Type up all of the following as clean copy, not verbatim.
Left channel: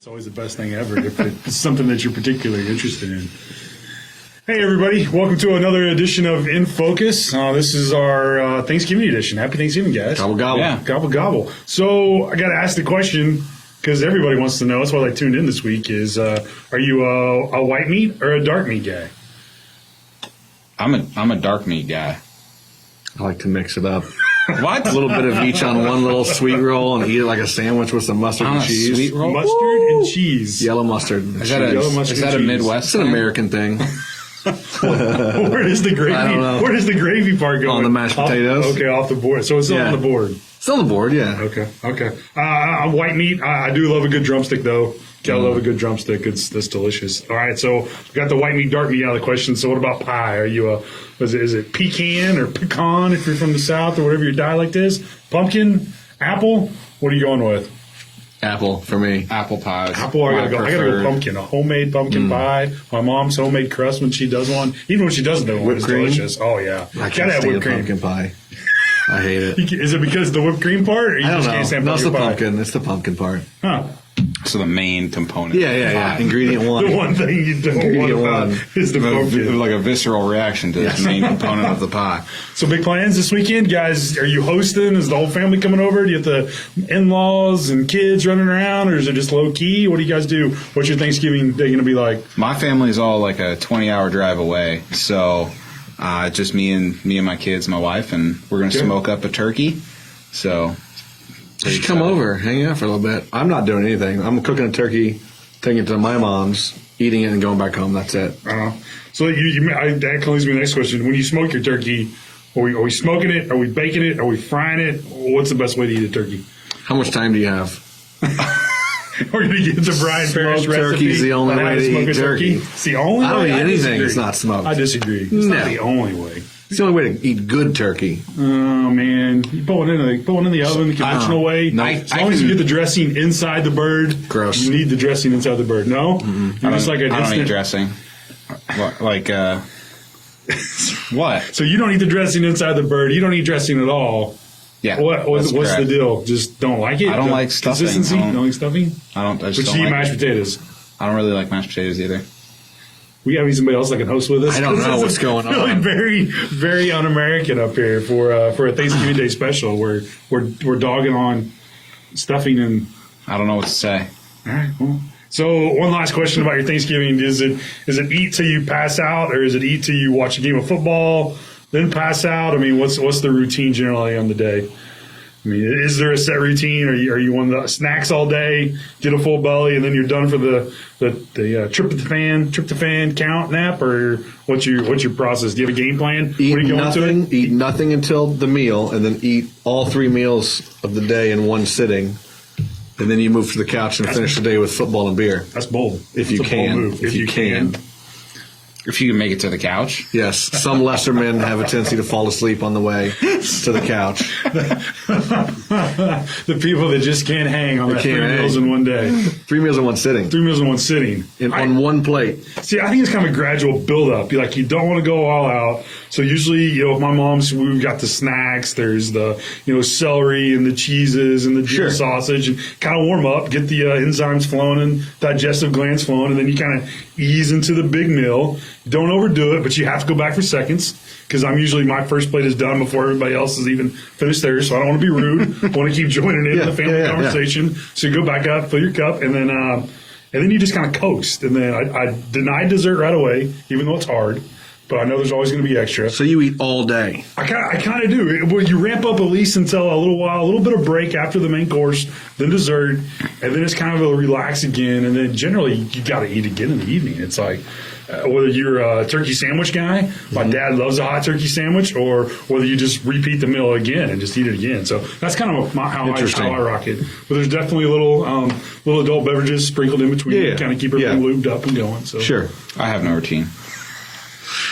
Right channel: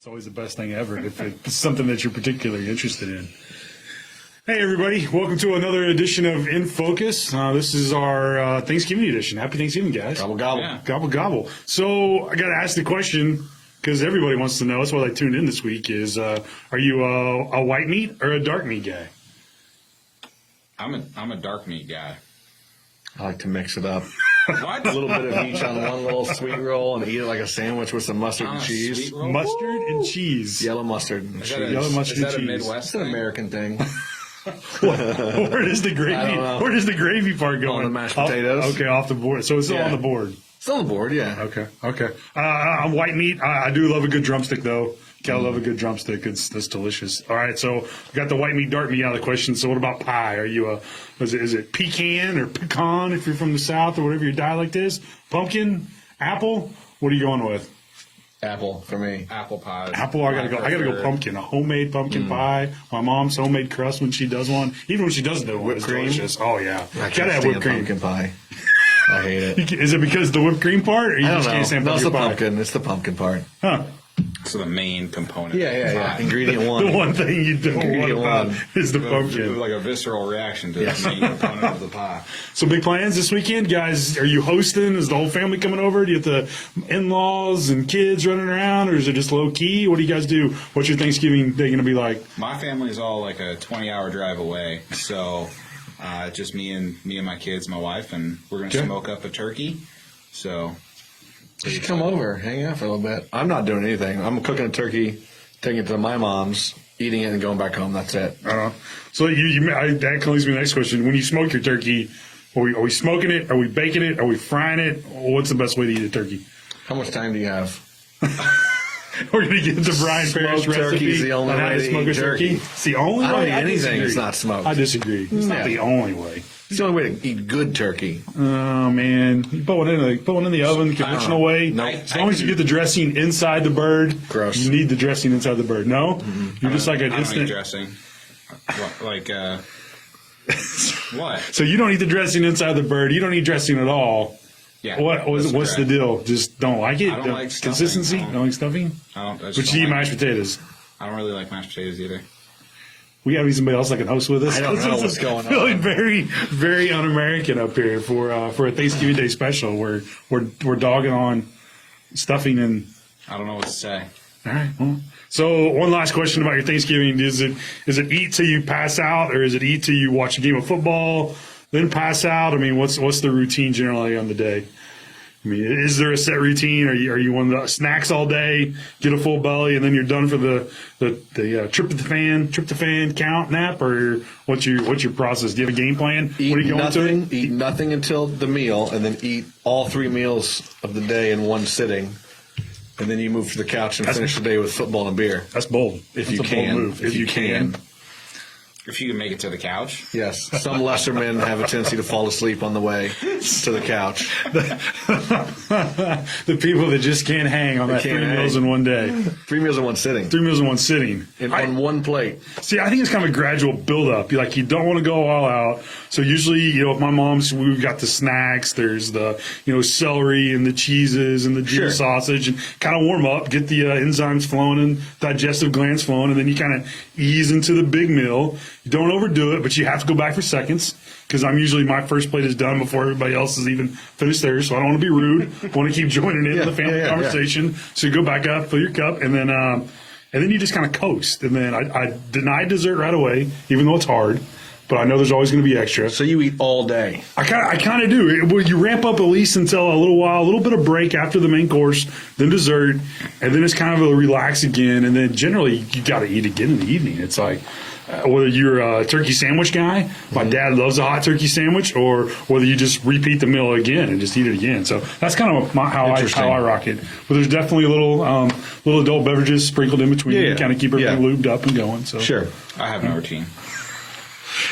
It's always the best thing ever if it's something that you're particularly interested in. Hey, everybody. Welcome to another edition of In Focus. This is our Thanksgiving edition. Happy Thanksgiving, guys. Gobble, gobble. Yeah. Gobble, gobble. So I got to ask the question, because everybody wants to know. That's why I tuned in this week, is are you a white meat or a dark meat guy? I'm a dark meat guy. I like to mix it up. What? A little bit of each on one little sweet roll and eat it like a sandwich with some mustard On and a cheese. sweet roll? Mustard and cheese. Yellow mustard and cheese. Yellow mustard Is that a and cheese. Midwest It's an thing? American thing. Where does the gravy? I don't know. Where does the gravy part go? On the mashed potatoes. Okay, off the board. So it's still on the board. Still on the board, yeah. Okay. White meat. I do love a good drumstick, though. Gotta love a good drumstick. That's delicious. All right, so we got the white meat, dark meat out of the question. So what about pie? Are you is it pecan or pecan if you're from the South or whatever your dialect is? Pumpkin, apple. What are you going with? Apple for me. Apple pie. Apple. I gotta go pumpkin. A homemade pumpkin pie. My mom's homemade crust when she does one. Even when she doesn't do one, Whipped it's cream? delicious. Oh yeah, I gotta can't have stand whipped cream. pumpkin pie. I hate it. Is it because of the whipped cream part, or you I don't just know. can't stand No, it's the pumpkin pie? pumpkin. It's the pumpkin part. Huh. So the main component. Yeah. Ingredient The one. one thing you don't want Ingredient about one. is the pumpkin. Like a visceral reaction to the main component of the pie. So big plans this weekend, guys. Are you hosting? Is the whole family coming over? Do you have the in-laws and kids running around, or is it just low key? What do you guys do? What's your Thanksgiving day going to be like? My family's all like a 20-hour drive away, so just me and my kids, my wife, and we're gonna smoke up a turkey. So You should come over, hang out for a little bit. I'm not doing anything. I'm cooking a turkey, taking it to my mom's, eating it, and going back home. That's it. So that kind of leads me to the next question. When you smoke your turkey, are we smoking it? Are we baking it? Are we frying it? What's the best way to eat a turkey? How much time do you have? We're going to get the Brian Parrish Smoked recipe turkey's the only on how way to to smoke eat a turkey. It's the only I don't way. eat anything disagree. that's not smoked. I disagree. It's No. not the only way. It's the only way to eat good turkey. Oh man, you put one in the oven the conventional way. No. As long as you get the dressing inside the bird. Gross. You need the dressing inside the bird. No, You're just like an I don't eat instant. dressing. What, what? So you don't eat the dressing inside the bird. You don't eat dressing at all. Yeah. What's the correct. deal? Just don't like it. I don't like stuffing. Consistency. I You don't- don't like stuffing. I Just just don't eat like mashed it. potatoes. I don't really like mashed potatoes either. We have somebody else that can host with us. I don't know what's going on. Feeling very, very un-American up here for a Thanksgiving Day special. We're dogging on stuffing and. I don't know what to say. All right. Well, so one last question about your Thanksgiving: is it eat till you pass out, or is it eat till you watch a game of football, then pass out? I mean, what's the routine generally on the day? I mean, is there a set routine? Are you one of the snacks all day, get a full belly, and then you're done for the tryptophan count nap, or what's your process? Do you have a game plan? Eat when you go into nothing. it? Eat nothing until the meal, and then eat all 3 meals of the day in one sitting, and then you move to the couch and finish the day with football and beer. That's bold. If you That's a bold can. move. If you can. If you can make it to the couch. Yes, some lesser men have a tendency to fall asleep on the way to the couch. The people that just can't hang on that 3 can't meals hang. in one day. 3 meals in one sitting. 3 meals in one sitting. On one plate. See, I think it's kind of a gradual build-up. You don't want to go all out. So usually, with my mom's, we've got the snacks. There's the, celery and the cheeses and the deer sausage, and kind of warm up, get the enzymes flowing and digestive glands flowing, and then you kind of ease into the big meal. You don't overdo it, but you have to go back for seconds, because my first plate is done before everybody else has even finished theirs. So I don't want to be rude. I want to keep joining in the family conversation. So you go back up, fill your cup, and then you just kind of coast. And then I deny dessert right away, even though it's hard. But I know there's always going to be extra. So you eat all day. I kind of do. You ramp up at least until a little bit of break after the main course, then dessert, and then it's kind of a relax again. And then generally you got to eat again in the evening. It's like whether you're a turkey sandwich guy, my dad loves a hot turkey sandwich, or whether you just repeat the meal again and just eat it again. So that's kind of how I rock it. But there's definitely little adult beverages sprinkled in between to kind of keep everything lubed up and going. So Sure. I have no routine.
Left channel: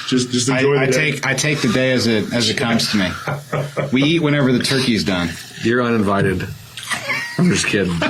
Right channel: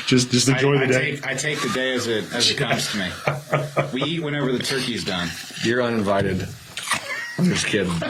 Just enjoy I the day. take the day as it comes to me. We eat whenever the turkey's done. You're uninvited. I'm just kidding.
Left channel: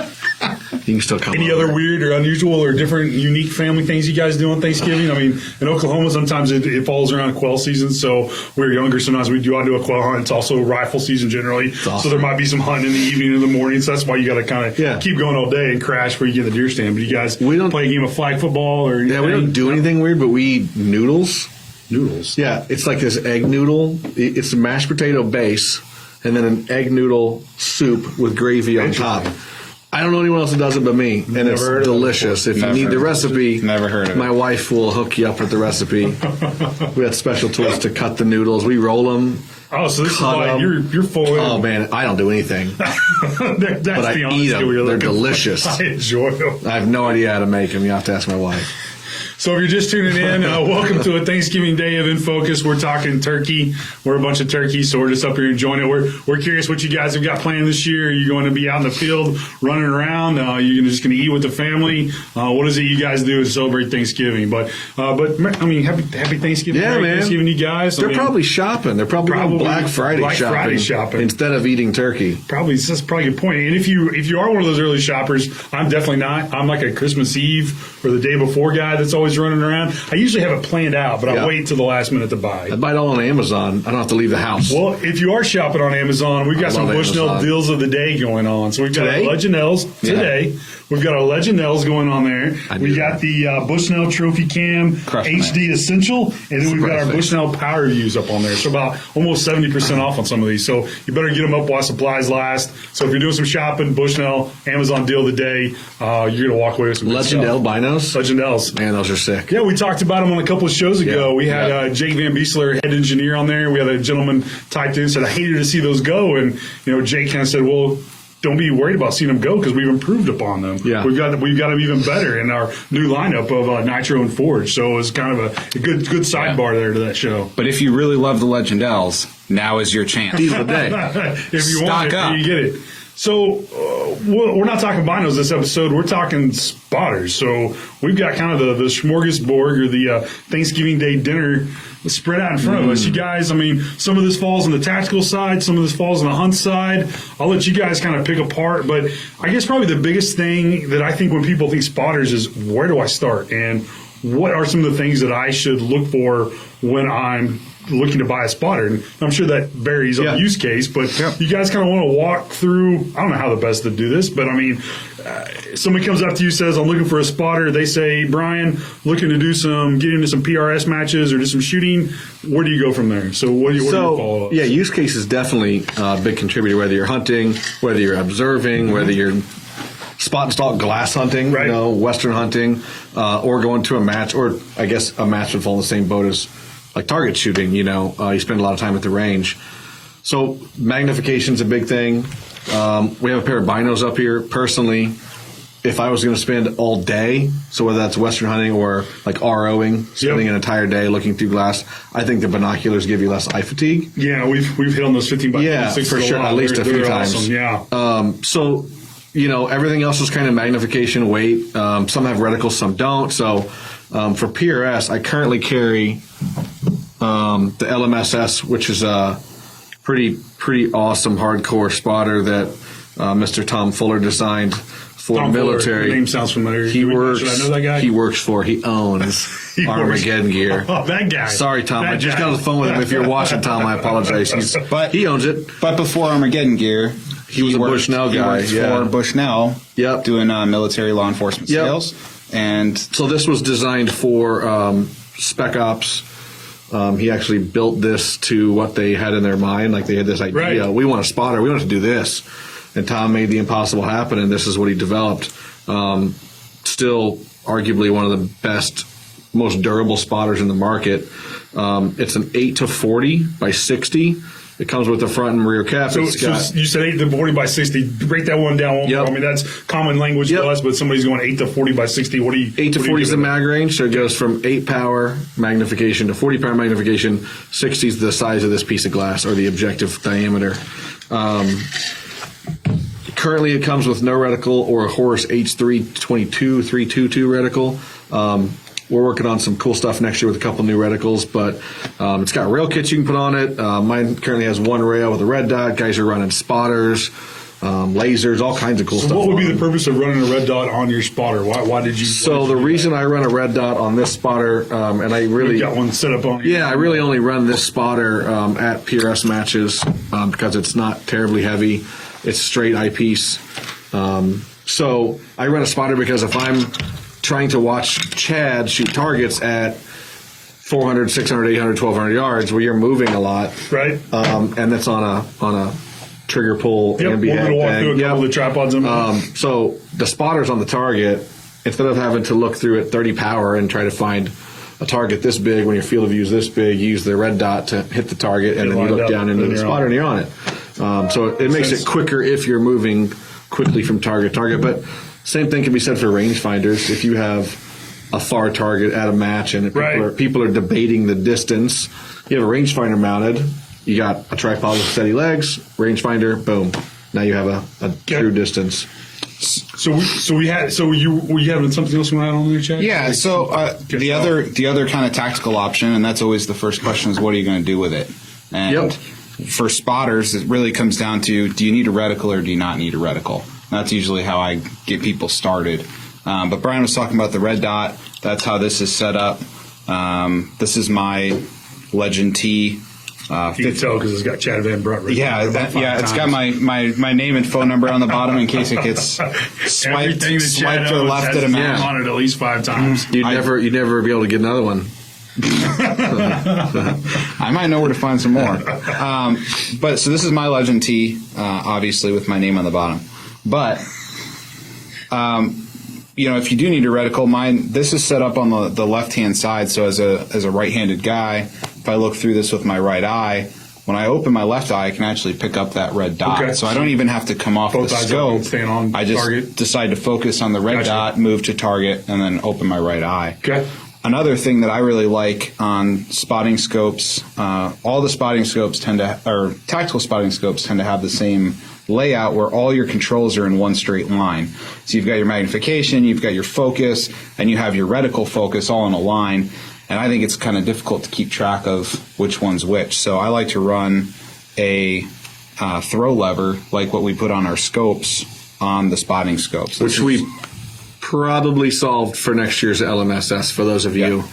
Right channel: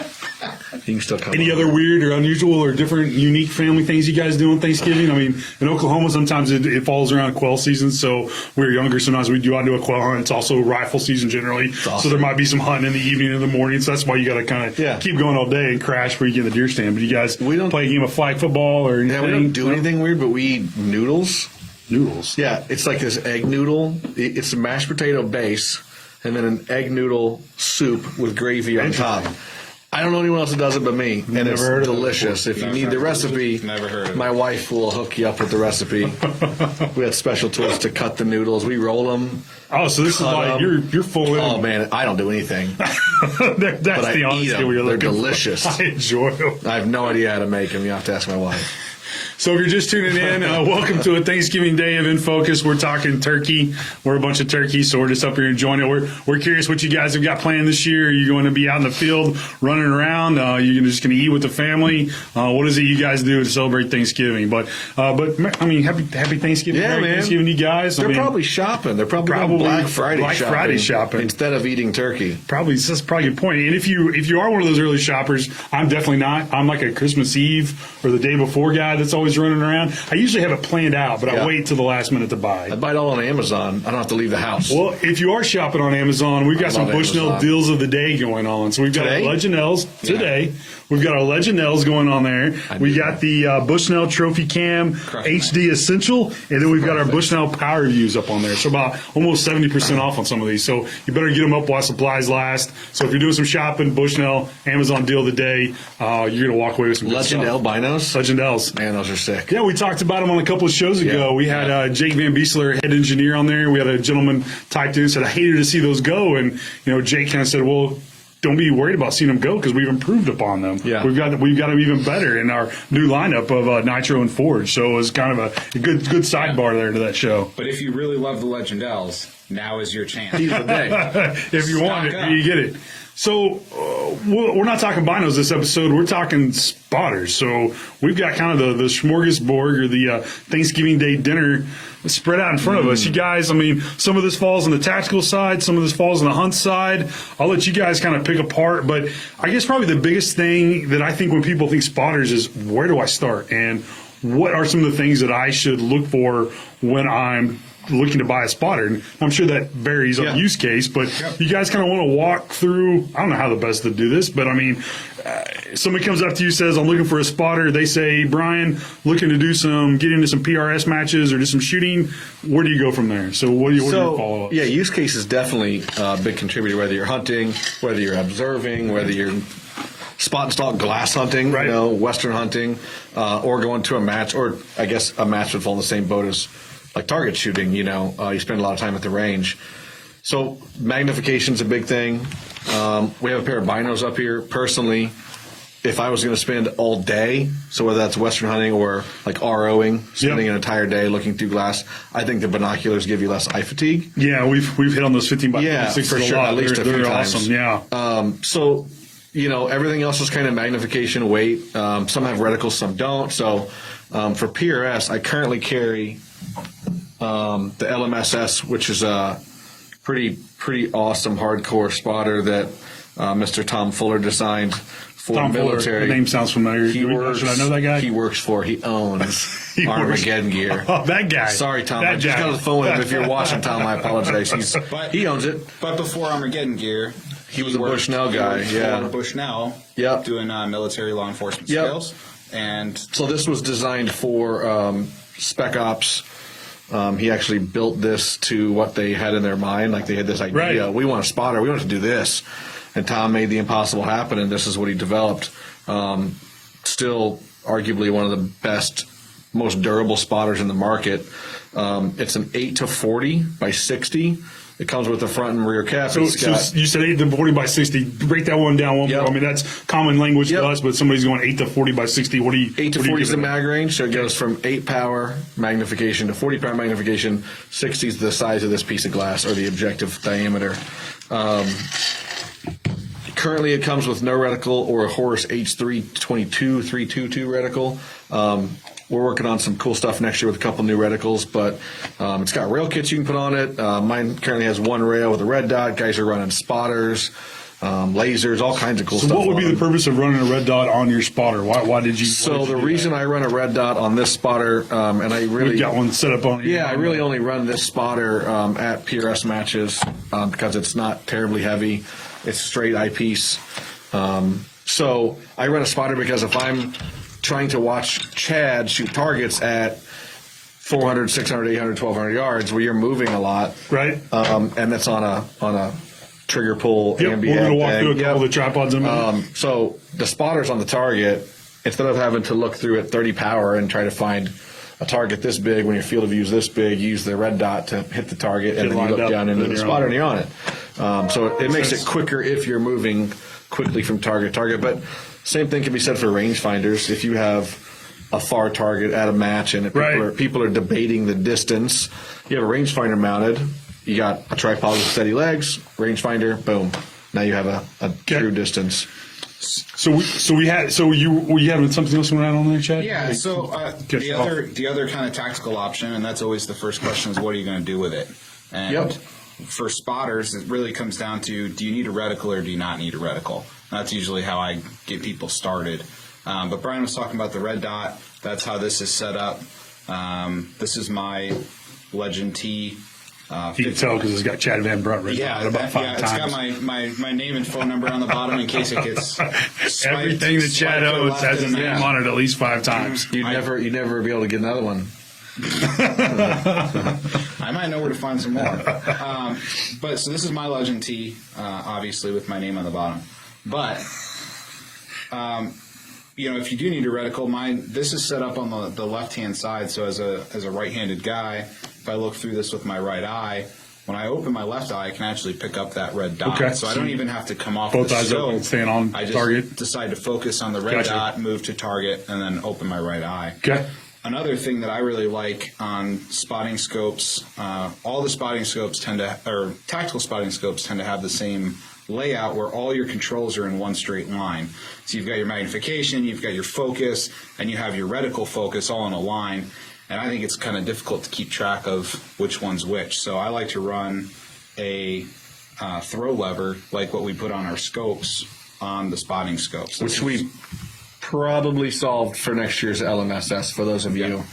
you can still come. Any over. other weird or unusual or different, unique family things you guys do on Thanksgiving? I mean, in Oklahoma, sometimes it falls around quail season, so we're younger. Sometimes we do out to a quail hunt. It's also rifle season generally, awesome. so there might be some hunting in the evening, in the morning. So that's why you got to kind of keep going all day and crash before you get in the deer stand. But you guys play a game of flag football or anything? Yeah, we don't do anything weird, but we eat noodles. Noodles. Yeah, it's like this egg noodle. It's a mashed potato base, and then an egg noodle soup with gravy on top. I don't know anyone else that does it but me, and it's delicious. If you need the recipe, never heard of it. My wife will hook you up with the recipe. We have special tools to cut the noodles. We roll them. Oh, so this is like you're full in. Oh man, I don't do anything. That's But the I eat honesty them. we're They're looking delicious. for. I enjoy them. I have no idea how to make them. You have to ask my wife. So if you're just tuning in, welcome to a Thanksgiving Day of In Focus. We're talking turkey. We're a bunch of turkeys, so we're just up here enjoying it. We're curious what you guys have got planned this year. Are you going to be out in the field running around? You're just going to eat with the family? What is it you guys do to celebrate Thanksgiving? But I mean, happy Thanksgiving. Yeah, Merry man. Thanksgiving, you guys. They're probably shopping. They're probably going Black Friday shopping instead of eating turkey. That's probably a good point. And if you are one of those early shoppers, I'm definitely not. I'm like a Christmas Eve or the day before guy that's always running around. I usually have it planned out, but I wait till the last minute to buy. I buy it all on Amazon. I don't have to leave the house. Well, if you are shopping on Amazon, we've got some Bushnell Amazon. deals of the day going on. So we've got our Legendels today. We've got our Legendels going on there. We got the Bushnell Trophy Cam HD Essential, and then we've got our Bushnell Power Views up on there. So about almost 70% off on some of these. So you better get them up while supplies last. So if you're doing some shopping, Bushnell, Amazon deal of the day, you're going to walk away with some good stuff. Legendel binos? Legendels. Man, those are sick. Yeah, we talked about them on a couple of shows ago. Yeah. We had Jake Van Biesler, head engineer, on there. We had a gentleman typed in and said, I hated to see those go. And, Jake kind of said, well, don't be worried about seeing them go because we've improved upon them. Yeah. We've got them even better in our new lineup of Nitro and Forge. So it was kind of a good sidebar there to that show. But if you really love the Legendels, now is your chance. Deal of the day. If you want it, you get it. So we're not talking binos this episode. We're talking spotters. So we've got kind of the smorgasbord or the Thanksgiving Day dinner spread out in front of us. You guys, I mean, some of this falls on the tactical side. Some of this falls on the hunt side. I'll let you guys kind of pick apart. But I guess probably the biggest thing that I think when people think spotters is where do I start? And what are some of the things that I should look for when I'm looking to buy a spotter? And I'm sure that varies on use case, but you guys kind of want to walk through, I don't know how the best to do this, but I mean, somebody comes up to you, says, I'm looking for a spotter. They say, Brian, looking to get into some PRS matches or do some shooting. Where do you go from there? So what do you follow up? Yeah, use case is definitely a big contributor, whether you're hunting, whether you're observing, whether you're spot and stalk glass hunting, Western hunting, or going to a match, or I guess a match would fall in the same boat as like target shooting, you spend a lot of time at the range. So magnification's a big thing. We have a pair of binos up here. Personally, if I was going to spend all day, so whether that's Western hunting or like ROing, spending an entire day looking through glass, I think the binoculars give you less eye fatigue. Yeah, we've hit on those 15 by 26 for sure, at least a few times. Awesome. Yeah. So, everything else is kind of magnification, weight. Some have reticles, some don't. So, for PRS, I currently carry the LMSS, which is a pretty awesome hardcore spotter that Mr. Tom Fuller designed for Tom military. Fuller. The name sounds familiar. He owns Armageddon Gear. Oh, that guy. Sorry, Tom. I just got on the phone with him. If you're watching, Tom, I apologize. He owns it. But before Armageddon Gear, he was a Bushnell guy. He worked for Bushnell, doing military law enforcement sales. And so this was designed for Spec Ops. He actually built this to what they had in their mind. Like they had this idea. Right. We want a spotter. We want to do this. And Tom made the impossible happen, and this is what he developed. Still arguably one of the best, most durable spotters in the market. It's an 8-40 by 60. It comes with the front and rear cap. So you said 8-40 by 60. Break that one down. I mean, that's common language to us, but somebody's going 8-40 by 60. What do you? 8-40 is the mag range, so it goes from 8 power magnification to 40 power magnification. 60 is the size of this piece of glass, or the objective diameter. Currently, it comes with no reticle or a Horus H322 322 reticle. We're working on some cool stuff next year with a couple new reticles, but it's got rail kits you can put on it. Mine currently has one rail with a red dot. Guys are running spotters. lasers, all kinds of cool stuff. So what would be the purpose of running a red dot on your spotter? Why did you? So the reason I run a red dot on this spotter, and I really you got one set up on. Yeah, I really only run this spotter at PRS matches because it's not terribly heavy. It's a straight eyepiece. So I run a spotter because if I'm trying to watch Chad shoot targets at 400, 600, 800, 1,200 yards, where you're moving a lot, Right. And that's on a trigger pull Yep, we're ambient going to walk thing. through a couple of the tripods in a minute. So the spotter's on the target. Instead of having to look through at 30 power and try to find a target this big when your field of view is this big, you use the red dot to hit the target, and then you look down into the spotter and you're on it. So it makes it quicker if you're moving quickly from target to target. But same thing can be said for rangefinders. If you have a far target at a match and people are debating the distance, you have a rangefinder mounted. You got a tripod with steady legs, rangefinder, boom. Now you have a true distance. So we had something else you want to add on there, Chad? Yeah. So the other kind of tactical option, and that's always the first question, is what are you going to do with it? And for spotters, it really comes down to, do you need a reticle or do you not need a reticle? And that's usually how I get people started. But Brian was talking about the red dot. That's how this is set up. This is my Legend T. You can tell because it's got Chad Van Brunt. Right It's got my name and phone number on the bottom in case it gets swiped or left at a match. On it at least 5 times. You'd never be able to get another one. I might know where to find some more. But so this is my Legend T, obviously with my name on the bottom. But if you do need a reticle, this is set up on the left-hand side. So as a right-handed guy, if I look through this with my right eye, when I open my left eye, I can actually pick up that red dot. Okay. So I don't even have to come off the scope. I just decide to focus on the red dot, move to target, and then open my right eye. Okay. Another thing that I really like on spotting scopes, all the spotting scopes tactical spotting scopes tend to have the same layout where all your controls are in one straight line. So you've got your magnification, you've got your focus, and you have your reticle focus all in a line. And I think it's kind of difficult to keep track of which one's which. So I like to run a throw lever like what we put on our scopes on the spotting scopes. Which we probably solved for next year's LMSS for those of you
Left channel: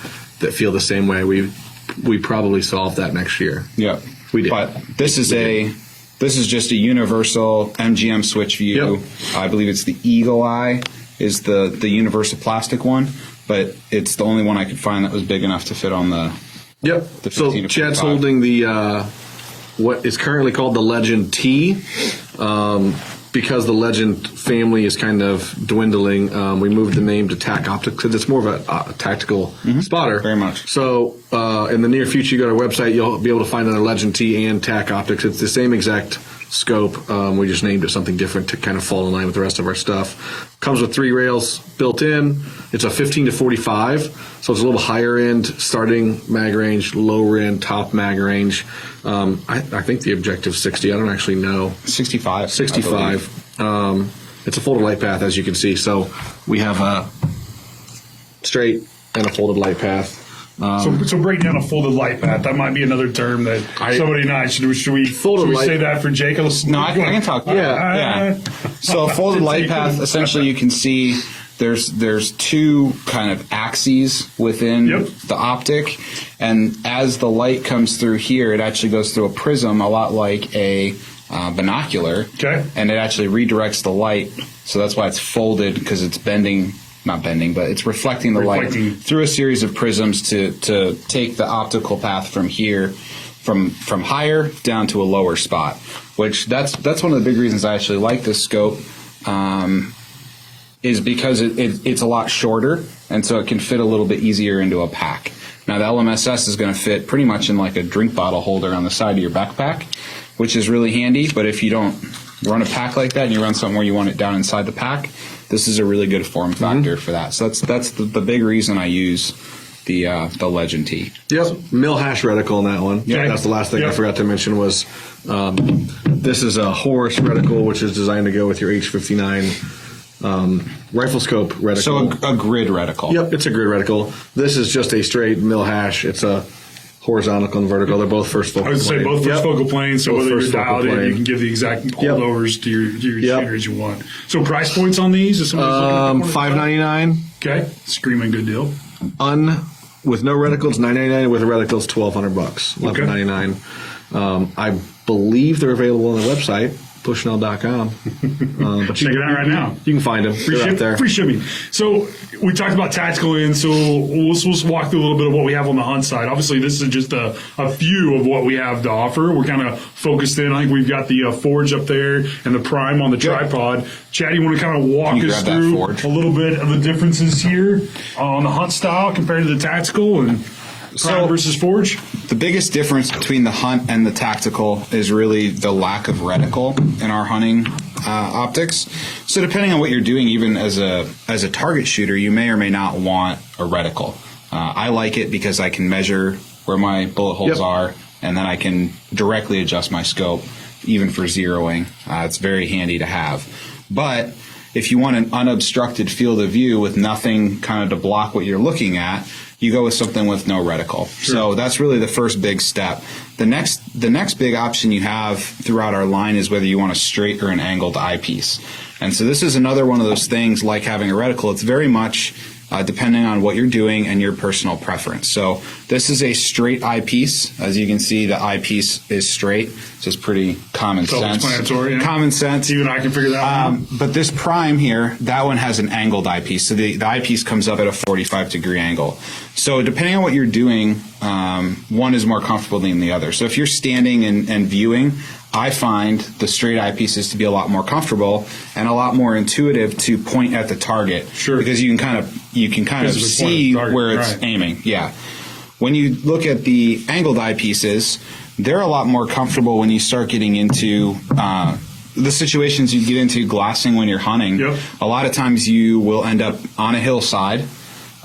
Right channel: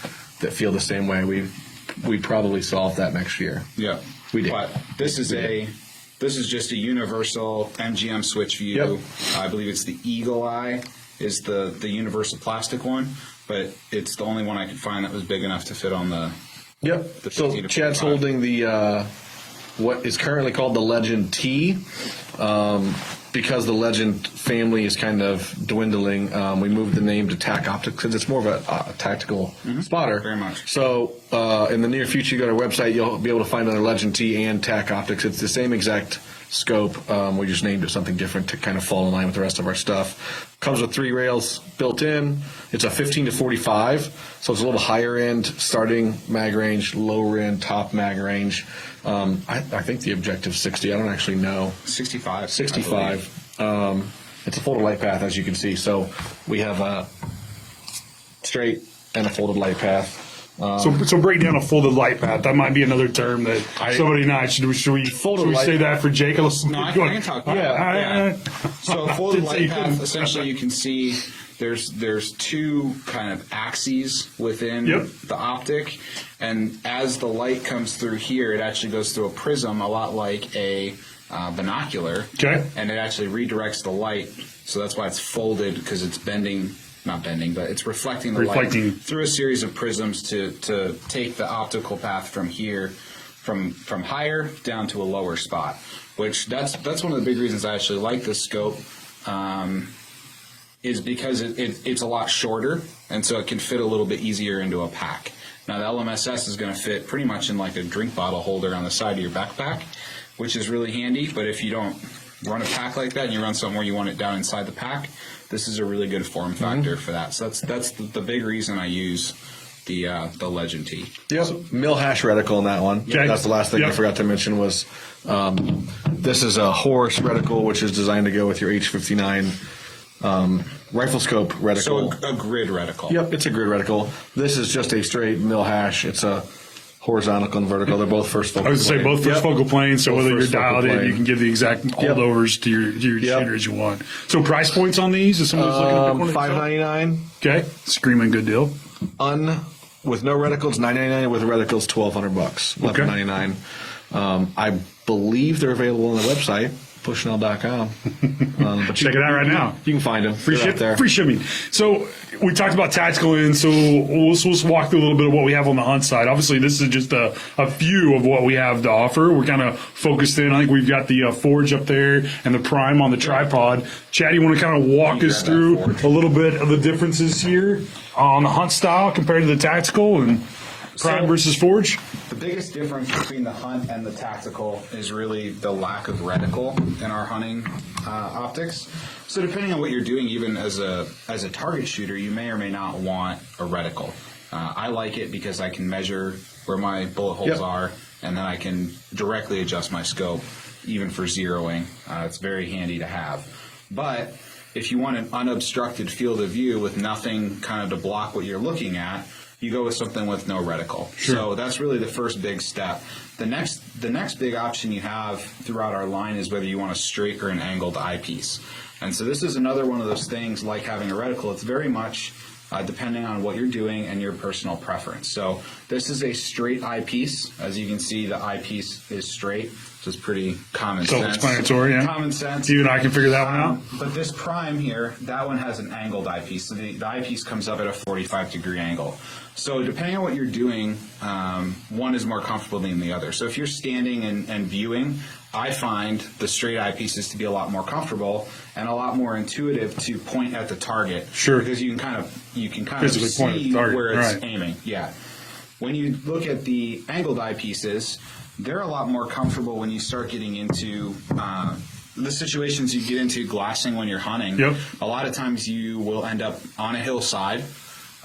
that feel the same way. We probably solved that next year. Yeah. We did. But this is just a universal MGM switch view. Yep. I believe it's the Eagle Eye is the universal plastic one, but it's the only one I could find that was big enough to fit on the. Yep. So Chad's holding the what is currently called the Legend T. Because the Legend family is kind of dwindling, we moved the name to TAC Optics because it's more of a tactical spotter. Very much. So in the near future, you go to our website, you'll be able to find a Legend T and TAC Optics. It's the same exact scope. We just named it something different to kind of fall in line with the rest of our stuff. Comes with 3 rails built in. It's a 15 to 45, so it's a little higher end starting mag range, lower end top mag range. I think the objective is 60. I don't actually know. 65. 65. It's a folded light path, as you can see. So we have a straight and a folded light path. So break down a folded light path. That might be another term that somebody and I should we say that for Jake? No, I can talk. Yeah. So a folded light path, essentially, you can see there's 2 kind of axes within the optic, and as the light comes through here, it actually goes through a prism, a lot like a binocular. Okay. And it actually redirects the light, so that's why it's folded, because it's not bending, but it's reflecting the light through a series of prisms to take the optical path from here, from higher down to a lower spot. Which that's one of the big reasons I actually like this scope. Is because it's a lot shorter, and so it can fit a little bit easier into a pack. Now, the LMSS is going to fit pretty much in like a drink bottle holder on the side of your backpack, which is really handy. But if you don't run a pack like that and you run something where you want it down inside the pack, this is a really good form factor for that. So that's the big reason I use the Legend T. Yep, mill-hash reticle on that one. Okay. That's the last thing I forgot to mention was this is a Horus reticle, which is designed to go with your H59 rifle scope reticle. So a grid reticle. Yep, it's a grid reticle. This is just a straight mill hash. It's a horizontal and vertical. They're both first focal I would plane. say both first Yep. focal planes, so Both whether you're first focal dialed in, plane. you can give the exact holdovers to your Yep. standard as you want. So price points on these? If somebody's looking for $599. Okay, screaming good deal. With no reticles, $999. With reticles, $1,200. $1,199. I believe they're available on the website, bushnell.com. But Check it out right now. You can find them. They're out there. Free shipping. So we talked about tactical in, so let's walk through a little bit of what we have on the hunt side. Obviously, this is just a few of what we have to offer. We're kind of focused in. I think we've got the Forge up there and the Prime on the tripod. Chad, you want to kind of walk us through a little bit of the differences here on the hunt style compared to the tactical and Prime versus Forge? The biggest difference between the hunt and the tactical is really the lack of reticle in our hunting optics. So depending on what you're doing, even as a target shooter, you may or may not want a reticle. I like it because I can measure where my bullet holes are, and then I can directly adjust my scope, even for zeroing. It's very handy to have. But if you want an unobstructed field of view with nothing kind of to block what you're looking at, you go with something with no reticle. Sure. So that's really the first big step. The next big option you have throughout our line is whether you want a straight or an angled eyepiece. And so this is another one of those things like having a reticle. It's very much depending on what you're doing and your personal preference. So this is a straight eyepiece. As you can see, the eyepiece is straight. So it's pretty common sense. Self-explanatory, yeah. Common sense. Even I can figure that out. But this Prime here, that one has an angled eyepiece. So the eyepiece comes up at a 45-degree angle. So depending on what you're doing, one is more comfortable than the other. So if you're standing and viewing, I find the straight eyepieces to be a lot more comfortable and a lot more intuitive to point at the target. Sure. Because you can kind of see where it's aiming. Yeah. When you look at the angled eyepieces, they're a lot more comfortable when you start getting into the situations you get into glassing when you're hunting. Yep. A lot of times you will end up on a hillside.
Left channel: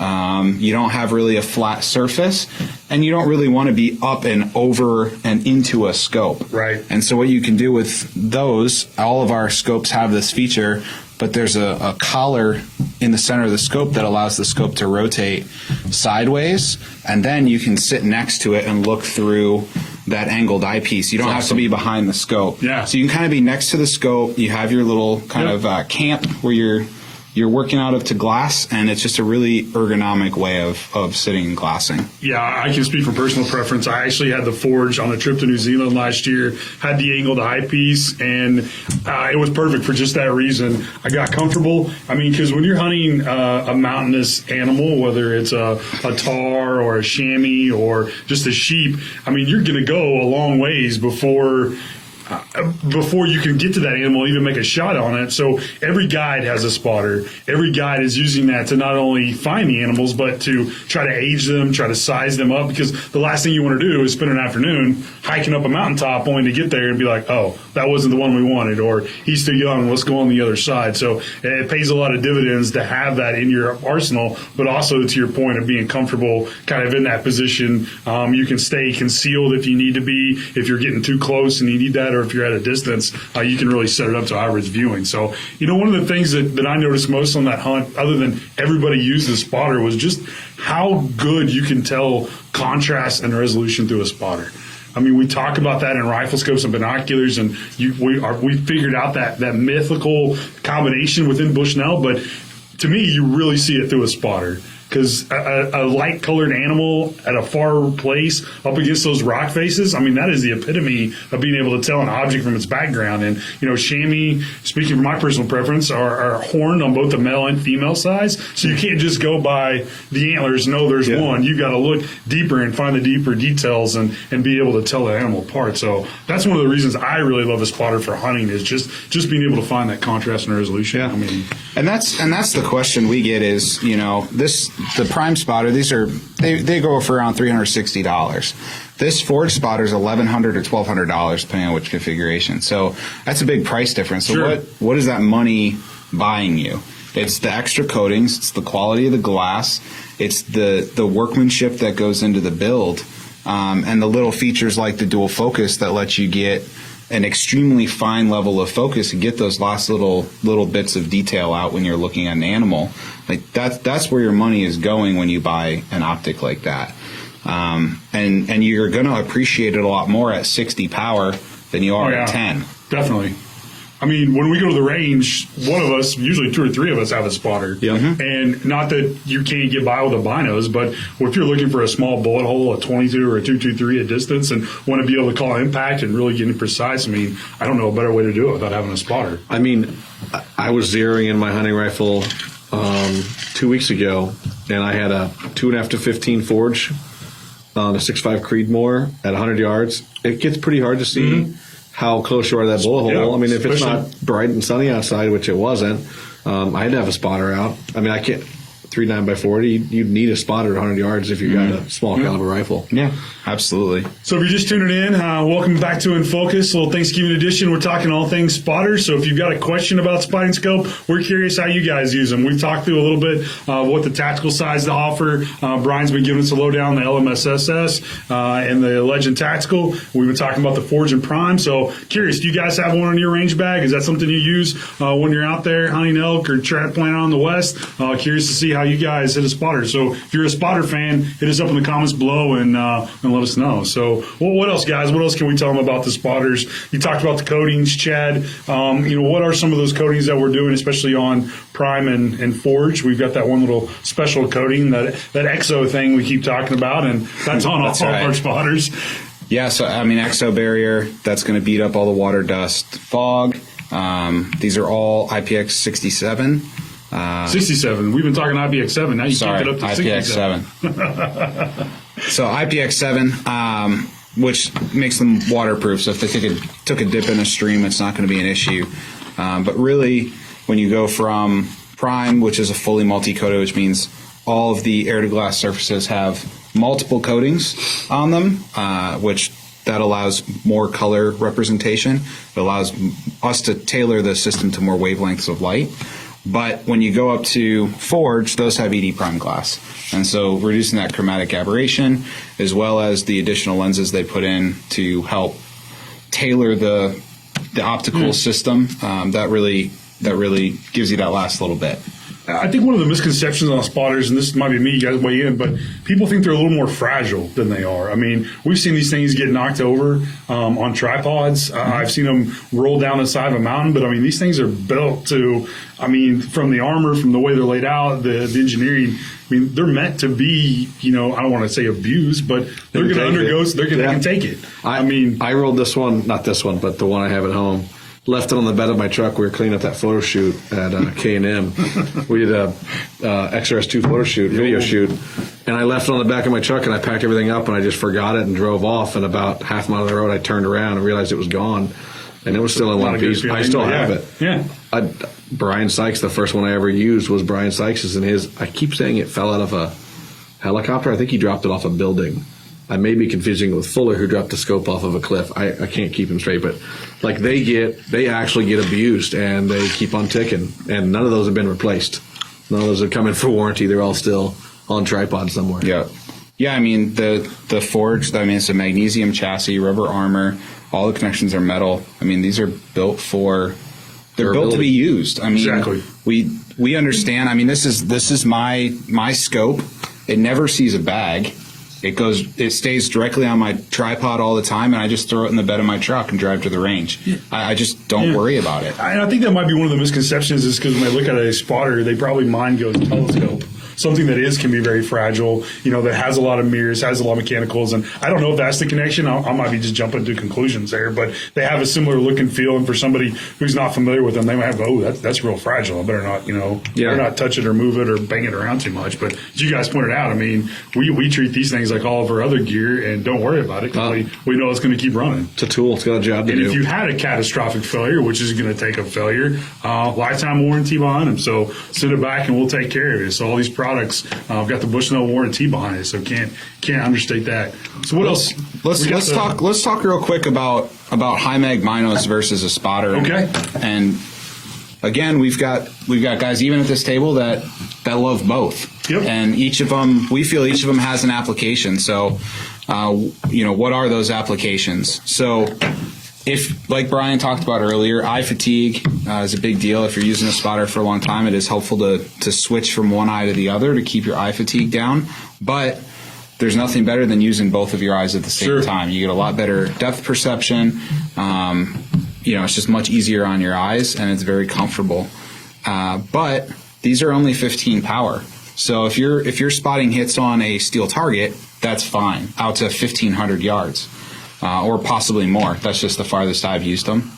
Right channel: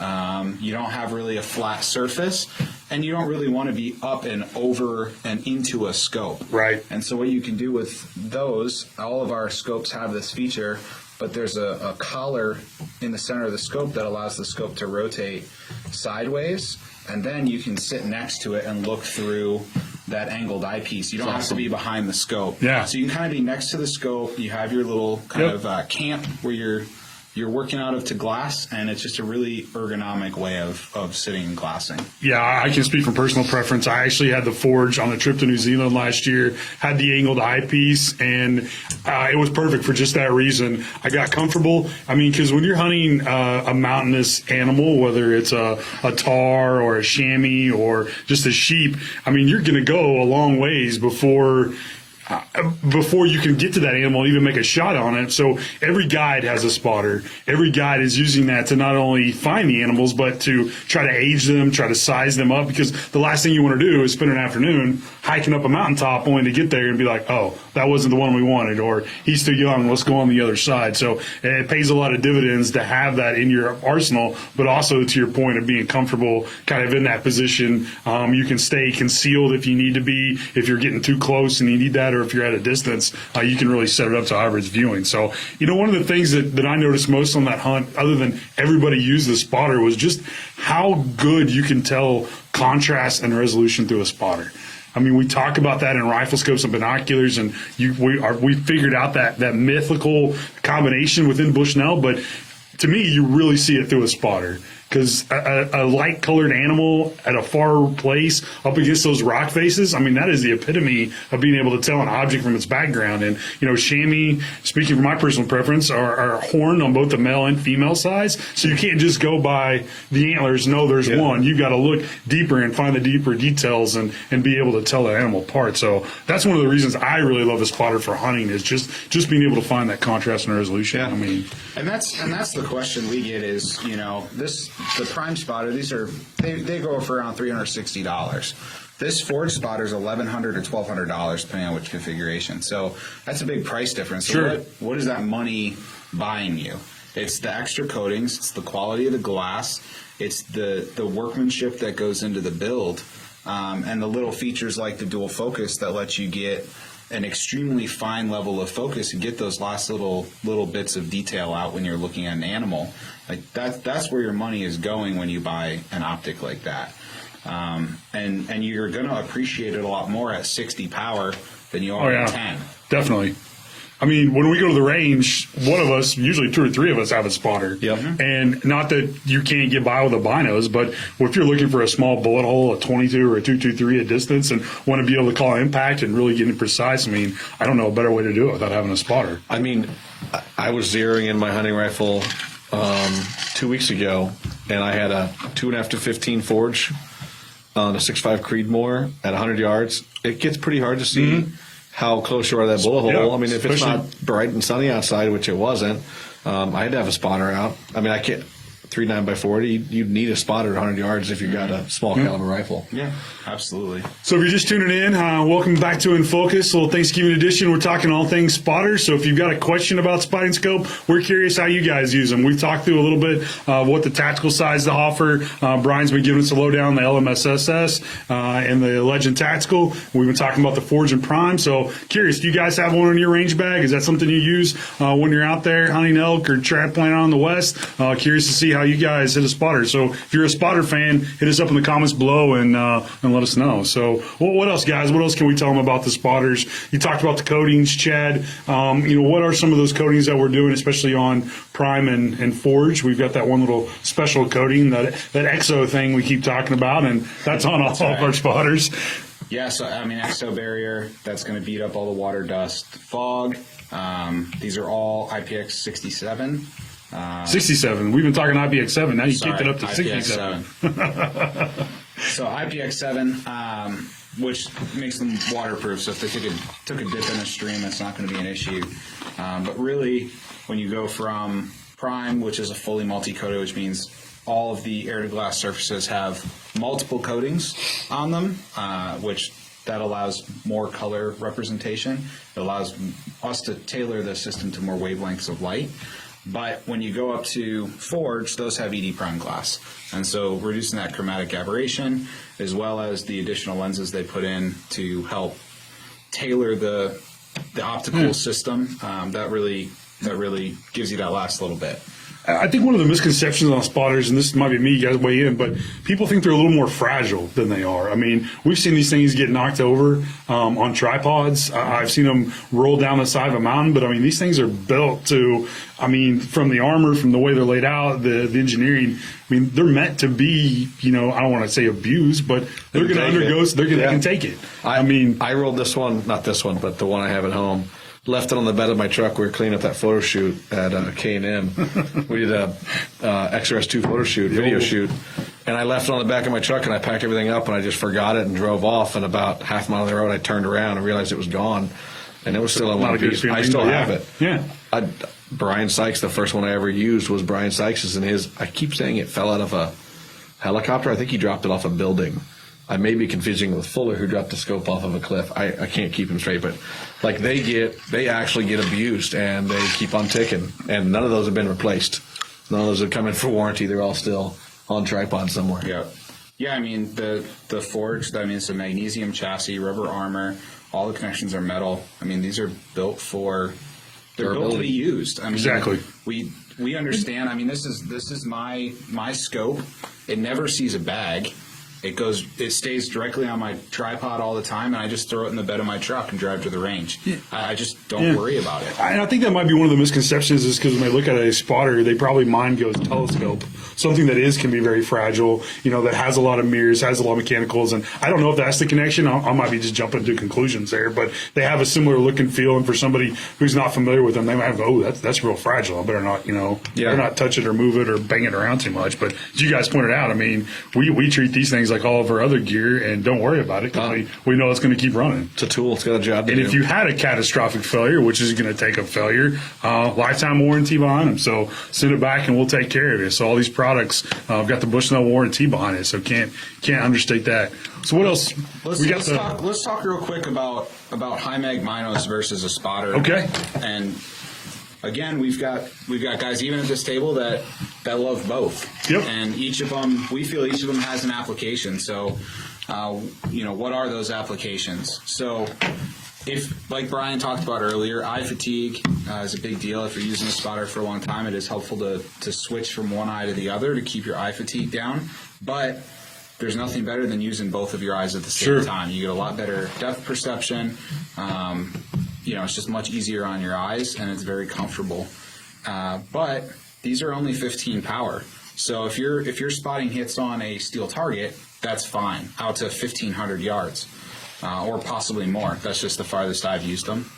You don't have really a flat surface, and you don't really want to be up and over and into a scope. Right. And so what you can do with those, all of our scopes have this feature, but there's a collar in the center of the scope that allows the scope to rotate sideways, and then you can sit next to it and look through that angled eyepiece. You don't have to be behind the scope. Yeah. So you can kind of be next to the scope. You have your little kind of camp where you're working out of to glass, and it's just a really ergonomic way of sitting and glassing. Yeah, I can speak from personal preference. I actually had the Forge on a trip to New Zealand last year, had the angled eyepiece, and it was perfect for just that reason. I got comfortable. I mean, because when you're hunting a mountainous animal, whether it's a tahr or a chamois or just a sheep, I mean, you're going to go a long ways before you can get to that animal, even make a shot on it. So every guide has a spotter. Every guide is using that to not only find the animals, but to try to age them, try to size them up, because the last thing you want to do is spend an afternoon hiking up a mountaintop only to get there and be like, oh, that wasn't the one we wanted, or he's too young, let's go on the other side. So it pays a lot of dividends to have that in your arsenal, but also to your point of being comfortable kind of in that position. You can stay concealed if you need to be, if you're getting too close and you need that, or if you're at a distance, you can really set it up to however it's viewing. So, one of the things that I noticed most on that hunt, other than everybody used a spotter, was just how good you can tell contrast and resolution through a spotter. I mean, we talk about that in rifle scopes and binoculars, and we figured out that mythical combination within Bushnell, but to me, you really see it through a spotter. Because a light-colored animal at a far place up against those rock faces, I mean, that is the epitome of being able to tell an object from its background. And, chamois, speaking from my personal preference, are horned on both the male and female sides. So you can't just go by the antlers, know there's one. You've got to look deeper and find the deeper details and be able to tell the animal apart. So that's one of the reasons I really love the spotter for hunting, is just being able to find that contrast and resolution. Yeah. I mean, and that's the question we get is, the Prime spotter, they go for around $360. This Forge spotter is $1,100 or $1,200 depending on which configuration. So that's a big price difference. So sure. what is that money buying you? It's the extra coatings, it's the quality of the glass, it's the workmanship that goes into the build, and the little features like the dual focus that lets you get an extremely fine level of focus and get those last little bits of detail out when you're looking at an animal. Like that's where your money is going when you buy an optic like that. and you're going to appreciate it a lot more at 60 power than you are at 10. Definitely. I mean, when we go to the range, one of us, usually 2 or 3 of us, have a spotter. Yeah. And not that you can't get by with the binos, but if you're looking for a small bullet hole, a 22 or a 223 at distance, and want to be able to call impact and really get precise, I mean, I don't know a better way to do it without having a spotter. I mean, I was zeroing in my hunting rifle 2 weeks ago, and I had a 2.5 to 15 forge on a 6.5 Creedmoor at 100 yards. It gets pretty hard to see how close you are to that bullet hole. I mean, if it's not bright and sunny outside, which it wasn't, I had to have a spotter out. I mean, I can't. 3.9x40, you'd need a spotter at 100 yards if you've got a small caliber rifle. Yeah, absolutely. So if you're just tuning in, welcome back to In Focus, a little Thanksgiving edition. We're talking all things spotters. So if you've got a question about spotting scope, we're curious how you guys use them. We've talked through a little bit what the tactical size to offer. Brian's been giving us a lowdown on the LMSSS and the Legend Tactical. We've been talking about the Forge and Prime. So curious, do you guys have one in your range bag? Is that something you use when you're out there hunting elk or trap plant on the west? Curious to see how you guys hit a spotter. So if you're a spotter fan, hit us up in the comments below and let us know. So what else, guys? What else can we tell them about the spotters? You talked about the coatings, Chad. What are some of those coatings that we're doing, especially on Prime and Forge? We've got that one little special coating, that EXO thing we keep talking about, and that's on all our spotters. Yeah, so I mean, EXO barrier, that's going to beat up all the water, dust, fog. These are all IPX 67. 67. We've been talking IPX7. Now you kicked it up to IPX7. So IPX7, which makes them waterproof. So if they took a dip in a stream, it's not going to be an issue. But really, when you go from Prime, which is a fully multi-coated, which means all of the air-to-glass surfaces have multiple coatings on them, which that allows more color representation. It allows us to tailor the system to more wavelengths of light. But when you go up to Forge, those have ED prime glass. And so reducing that chromatic aberration, as well as the additional lenses they put in to help tailor the optical system, that really gives you that last little bit. I think one of the misconceptions on spotters, and this might be me, you guys weigh in, but people think they're a little more fragile than they are. I mean, we've seen these things get knocked over on tripods. I've seen them roll down the side of a mountain, but I mean, these things are built to, I mean, from the armor, from the way they're laid out, the engineering, I mean, they're meant to be, I don't want to say abused, but they're going to undergo, they can take it. I rolled this one, not this one, but the one I have at home. Left it on the bed of my truck. We were cleaning up that photo shoot at K&M. We did a XRS2 photo shoot, video shoot, and I left it on the back of my truck, and I packed everything up, and I just forgot it and drove off. And about half a mile of the road, I turned around and realized it was gone, and it was still in one piece. I still have it. Yeah. Brian Sykes, the first one I ever used was Brian Sykes', and I keep saying it fell out of a helicopter. I think he dropped it off a building. I may be confusing with Fuller, who dropped the scope off of a cliff. I can't keep him straight, but like they actually get abused, and they keep on ticking, and none of those have been replaced. None of those have come in for warranty. They're all still on tripod somewhere. Yeah. I mean the Forge. I mean, it's a magnesium chassis, rubber armor. All the connections are metal. I mean, these are built for. They're built to be used. I mean, exactly. We understand. I mean, this is my scope. It never sees a bag. It stays directly on my tripod all the time, and I just throw it in the bed of my truck and drive to the range. I just don't worry about it. I think that might be one of the misconceptions, is because when they look at a spotter, mind goes telescope. Something that can be very fragile, that has a lot of mirrors, has a lot of mechanicals, and I don't know if that's the connection. I might be just jumping to conclusions there, but they have a similar look and feel, and for somebody who's not familiar with them, they might go, that's real fragile. I better not, better not touch it or move it or bang it around too much. But as you guys pointed out, I mean, we treat these things like all of our other gear and don't worry about it, because we know it's going to keep running. It's a tool. It's got a job to do. And if you had a catastrophic failure, which is going to take a failure, lifetime warranty behind them. So send it back and we'll take care of it. So all these products, I've got the Bushnell warranty behind it, so can't understate that. So what else? Let's talk real quick about high mag binos versus a spotter. Okay. And again, we've got guys even at this table that love both. Yep. And we feel each of them has an application. So, what are those applications? So, if, like Brian talked about earlier, eye fatigue is a big deal. If you're using a spotter for a long time, it is helpful to switch from one eye to the other to keep your eye fatigue down. But there's nothing better than using both of your eyes at the same Sure. time. You get a lot better depth perception. It's just much easier on your eyes, and it's very comfortable. But these are only 15 power. So if you're spotting hits on a steel target, that's fine, out to 1,500 yards, or possibly more. That's just the farthest I've used them.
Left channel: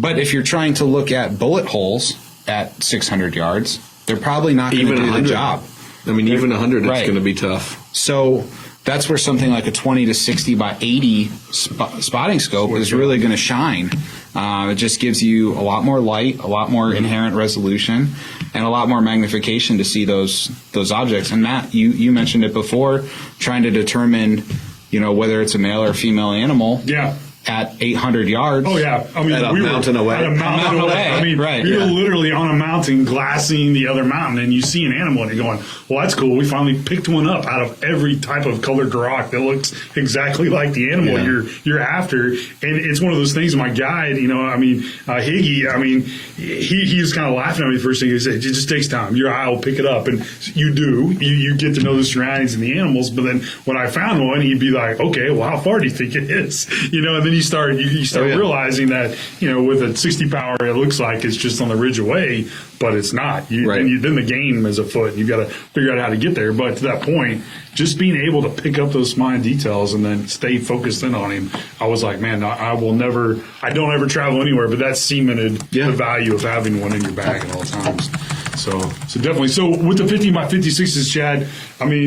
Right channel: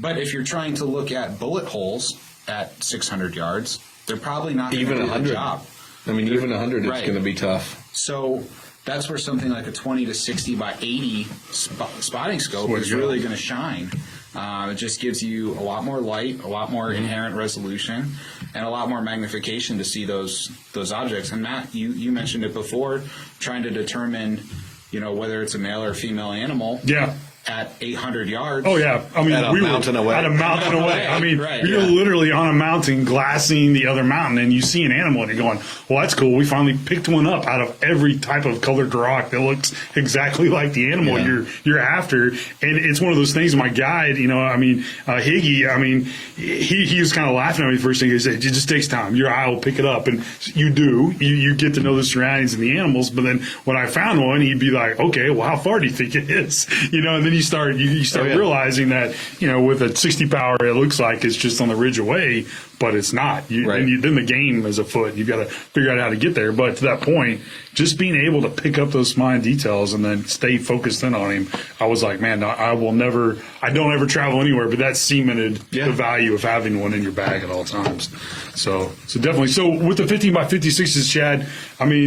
But if you're trying to look at bullet holes at 600 yards, they're probably not going to do the job. I mean, even 100, it's Right. going to be tough. So that's where something like a 20 to 60 by 80 spotting scope is really going to shine. It just gives you a lot more light, a lot more inherent resolution, and a lot more magnification to see those objects. And Matt, you mentioned it before, trying to determine, whether it's a male or female animal. Yeah. At 800 yards. Oh, yeah. I mean, At a mountain away. At a mountain away. away. I mean, Right. you're Yeah. literally on a mountain glassing the other mountain, and you see an animal, and you're going, well, that's cool. We finally picked one up out of every type of colored rock that looks exactly like the animal you're after. And it's one of those things, my guide, Higgy, he was kind of laughing at me first thing. He said, it just takes time. Your eye will pick it up. And you do. You get to know the surroundings and the animals. But then when I found one, he'd be like, okay, well, how far do you think it is? And then you start realizing that, with a 60 power, it looks like it's just on the ridge away, but it's not. Right. Then the game is afoot. You got to figure out how to get there. But to that point, just being able to pick up those small details and then stay focused in on him, I was like, man, I don't ever travel anywhere, but that's cemented the value of having one in your bag at all times. So definitely. So with the 15 by 56s, Chad,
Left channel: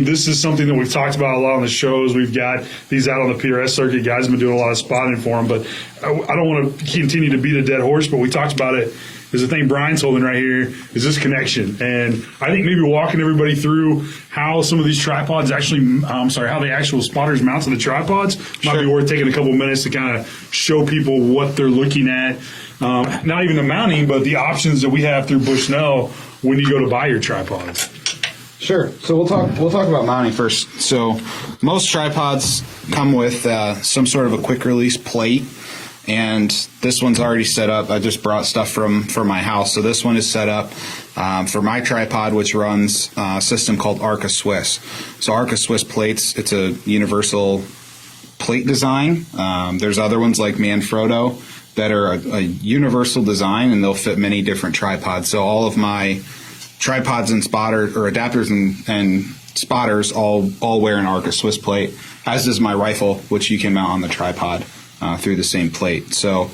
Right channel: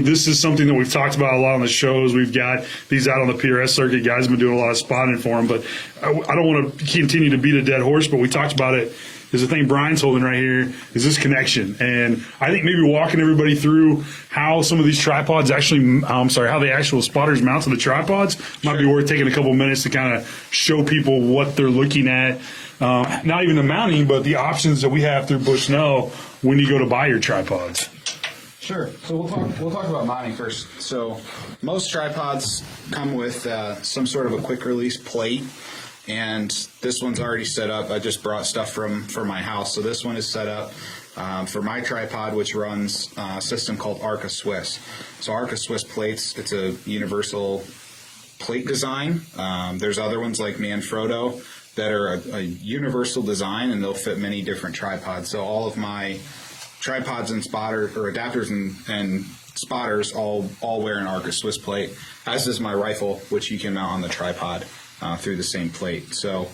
this is something that we've talked about a lot on the shows. We've got these out on the PRS circuit. Guys have been doing a lot of spotting for them, but I don't want to continue to beat a dead horse, but we talked about it. There's a thing Brian's holding right here is this connection. And I think maybe walking everybody through how some of these tripods actually, how the actual spotters mount to the tripods might be worth taking a couple minutes to kind of show people what they're looking at. Not even the mounting, but the options that we have through Bushnell when you go to buy your tripods. Sure. So we'll talk about mounting first. So most tripods come with some sort of a quick release plate, and this one's already set up. I just brought stuff from my house, so this one is set up for my tripod, which runs a system called Arca Swiss. So Arca Swiss plates, it's a universal plate design. There's other ones like Manfrotto that are a universal design, and they'll fit many different tripods. So all of my tripods and spotters, or adapters and spotters, all wear an Arca Swiss plate, as does my rifle, which you can mount on the tripod through the same plate. So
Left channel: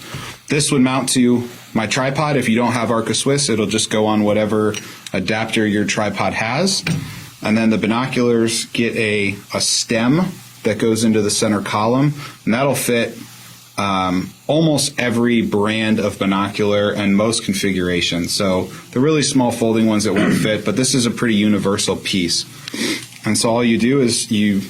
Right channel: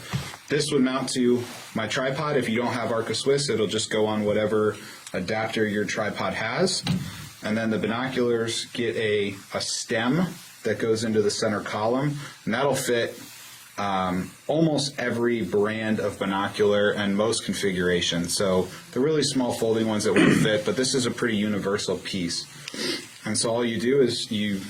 this would mount to my tripod. If you don't have Arca Swiss, it'll just go on whatever adapter your tripod has. And then the binoculars get a stem that goes into the center column, and that'll fit almost every brand of binocular and most configurations. So the really small folding ones that won't fit, but this is a pretty universal piece. And so all you do is you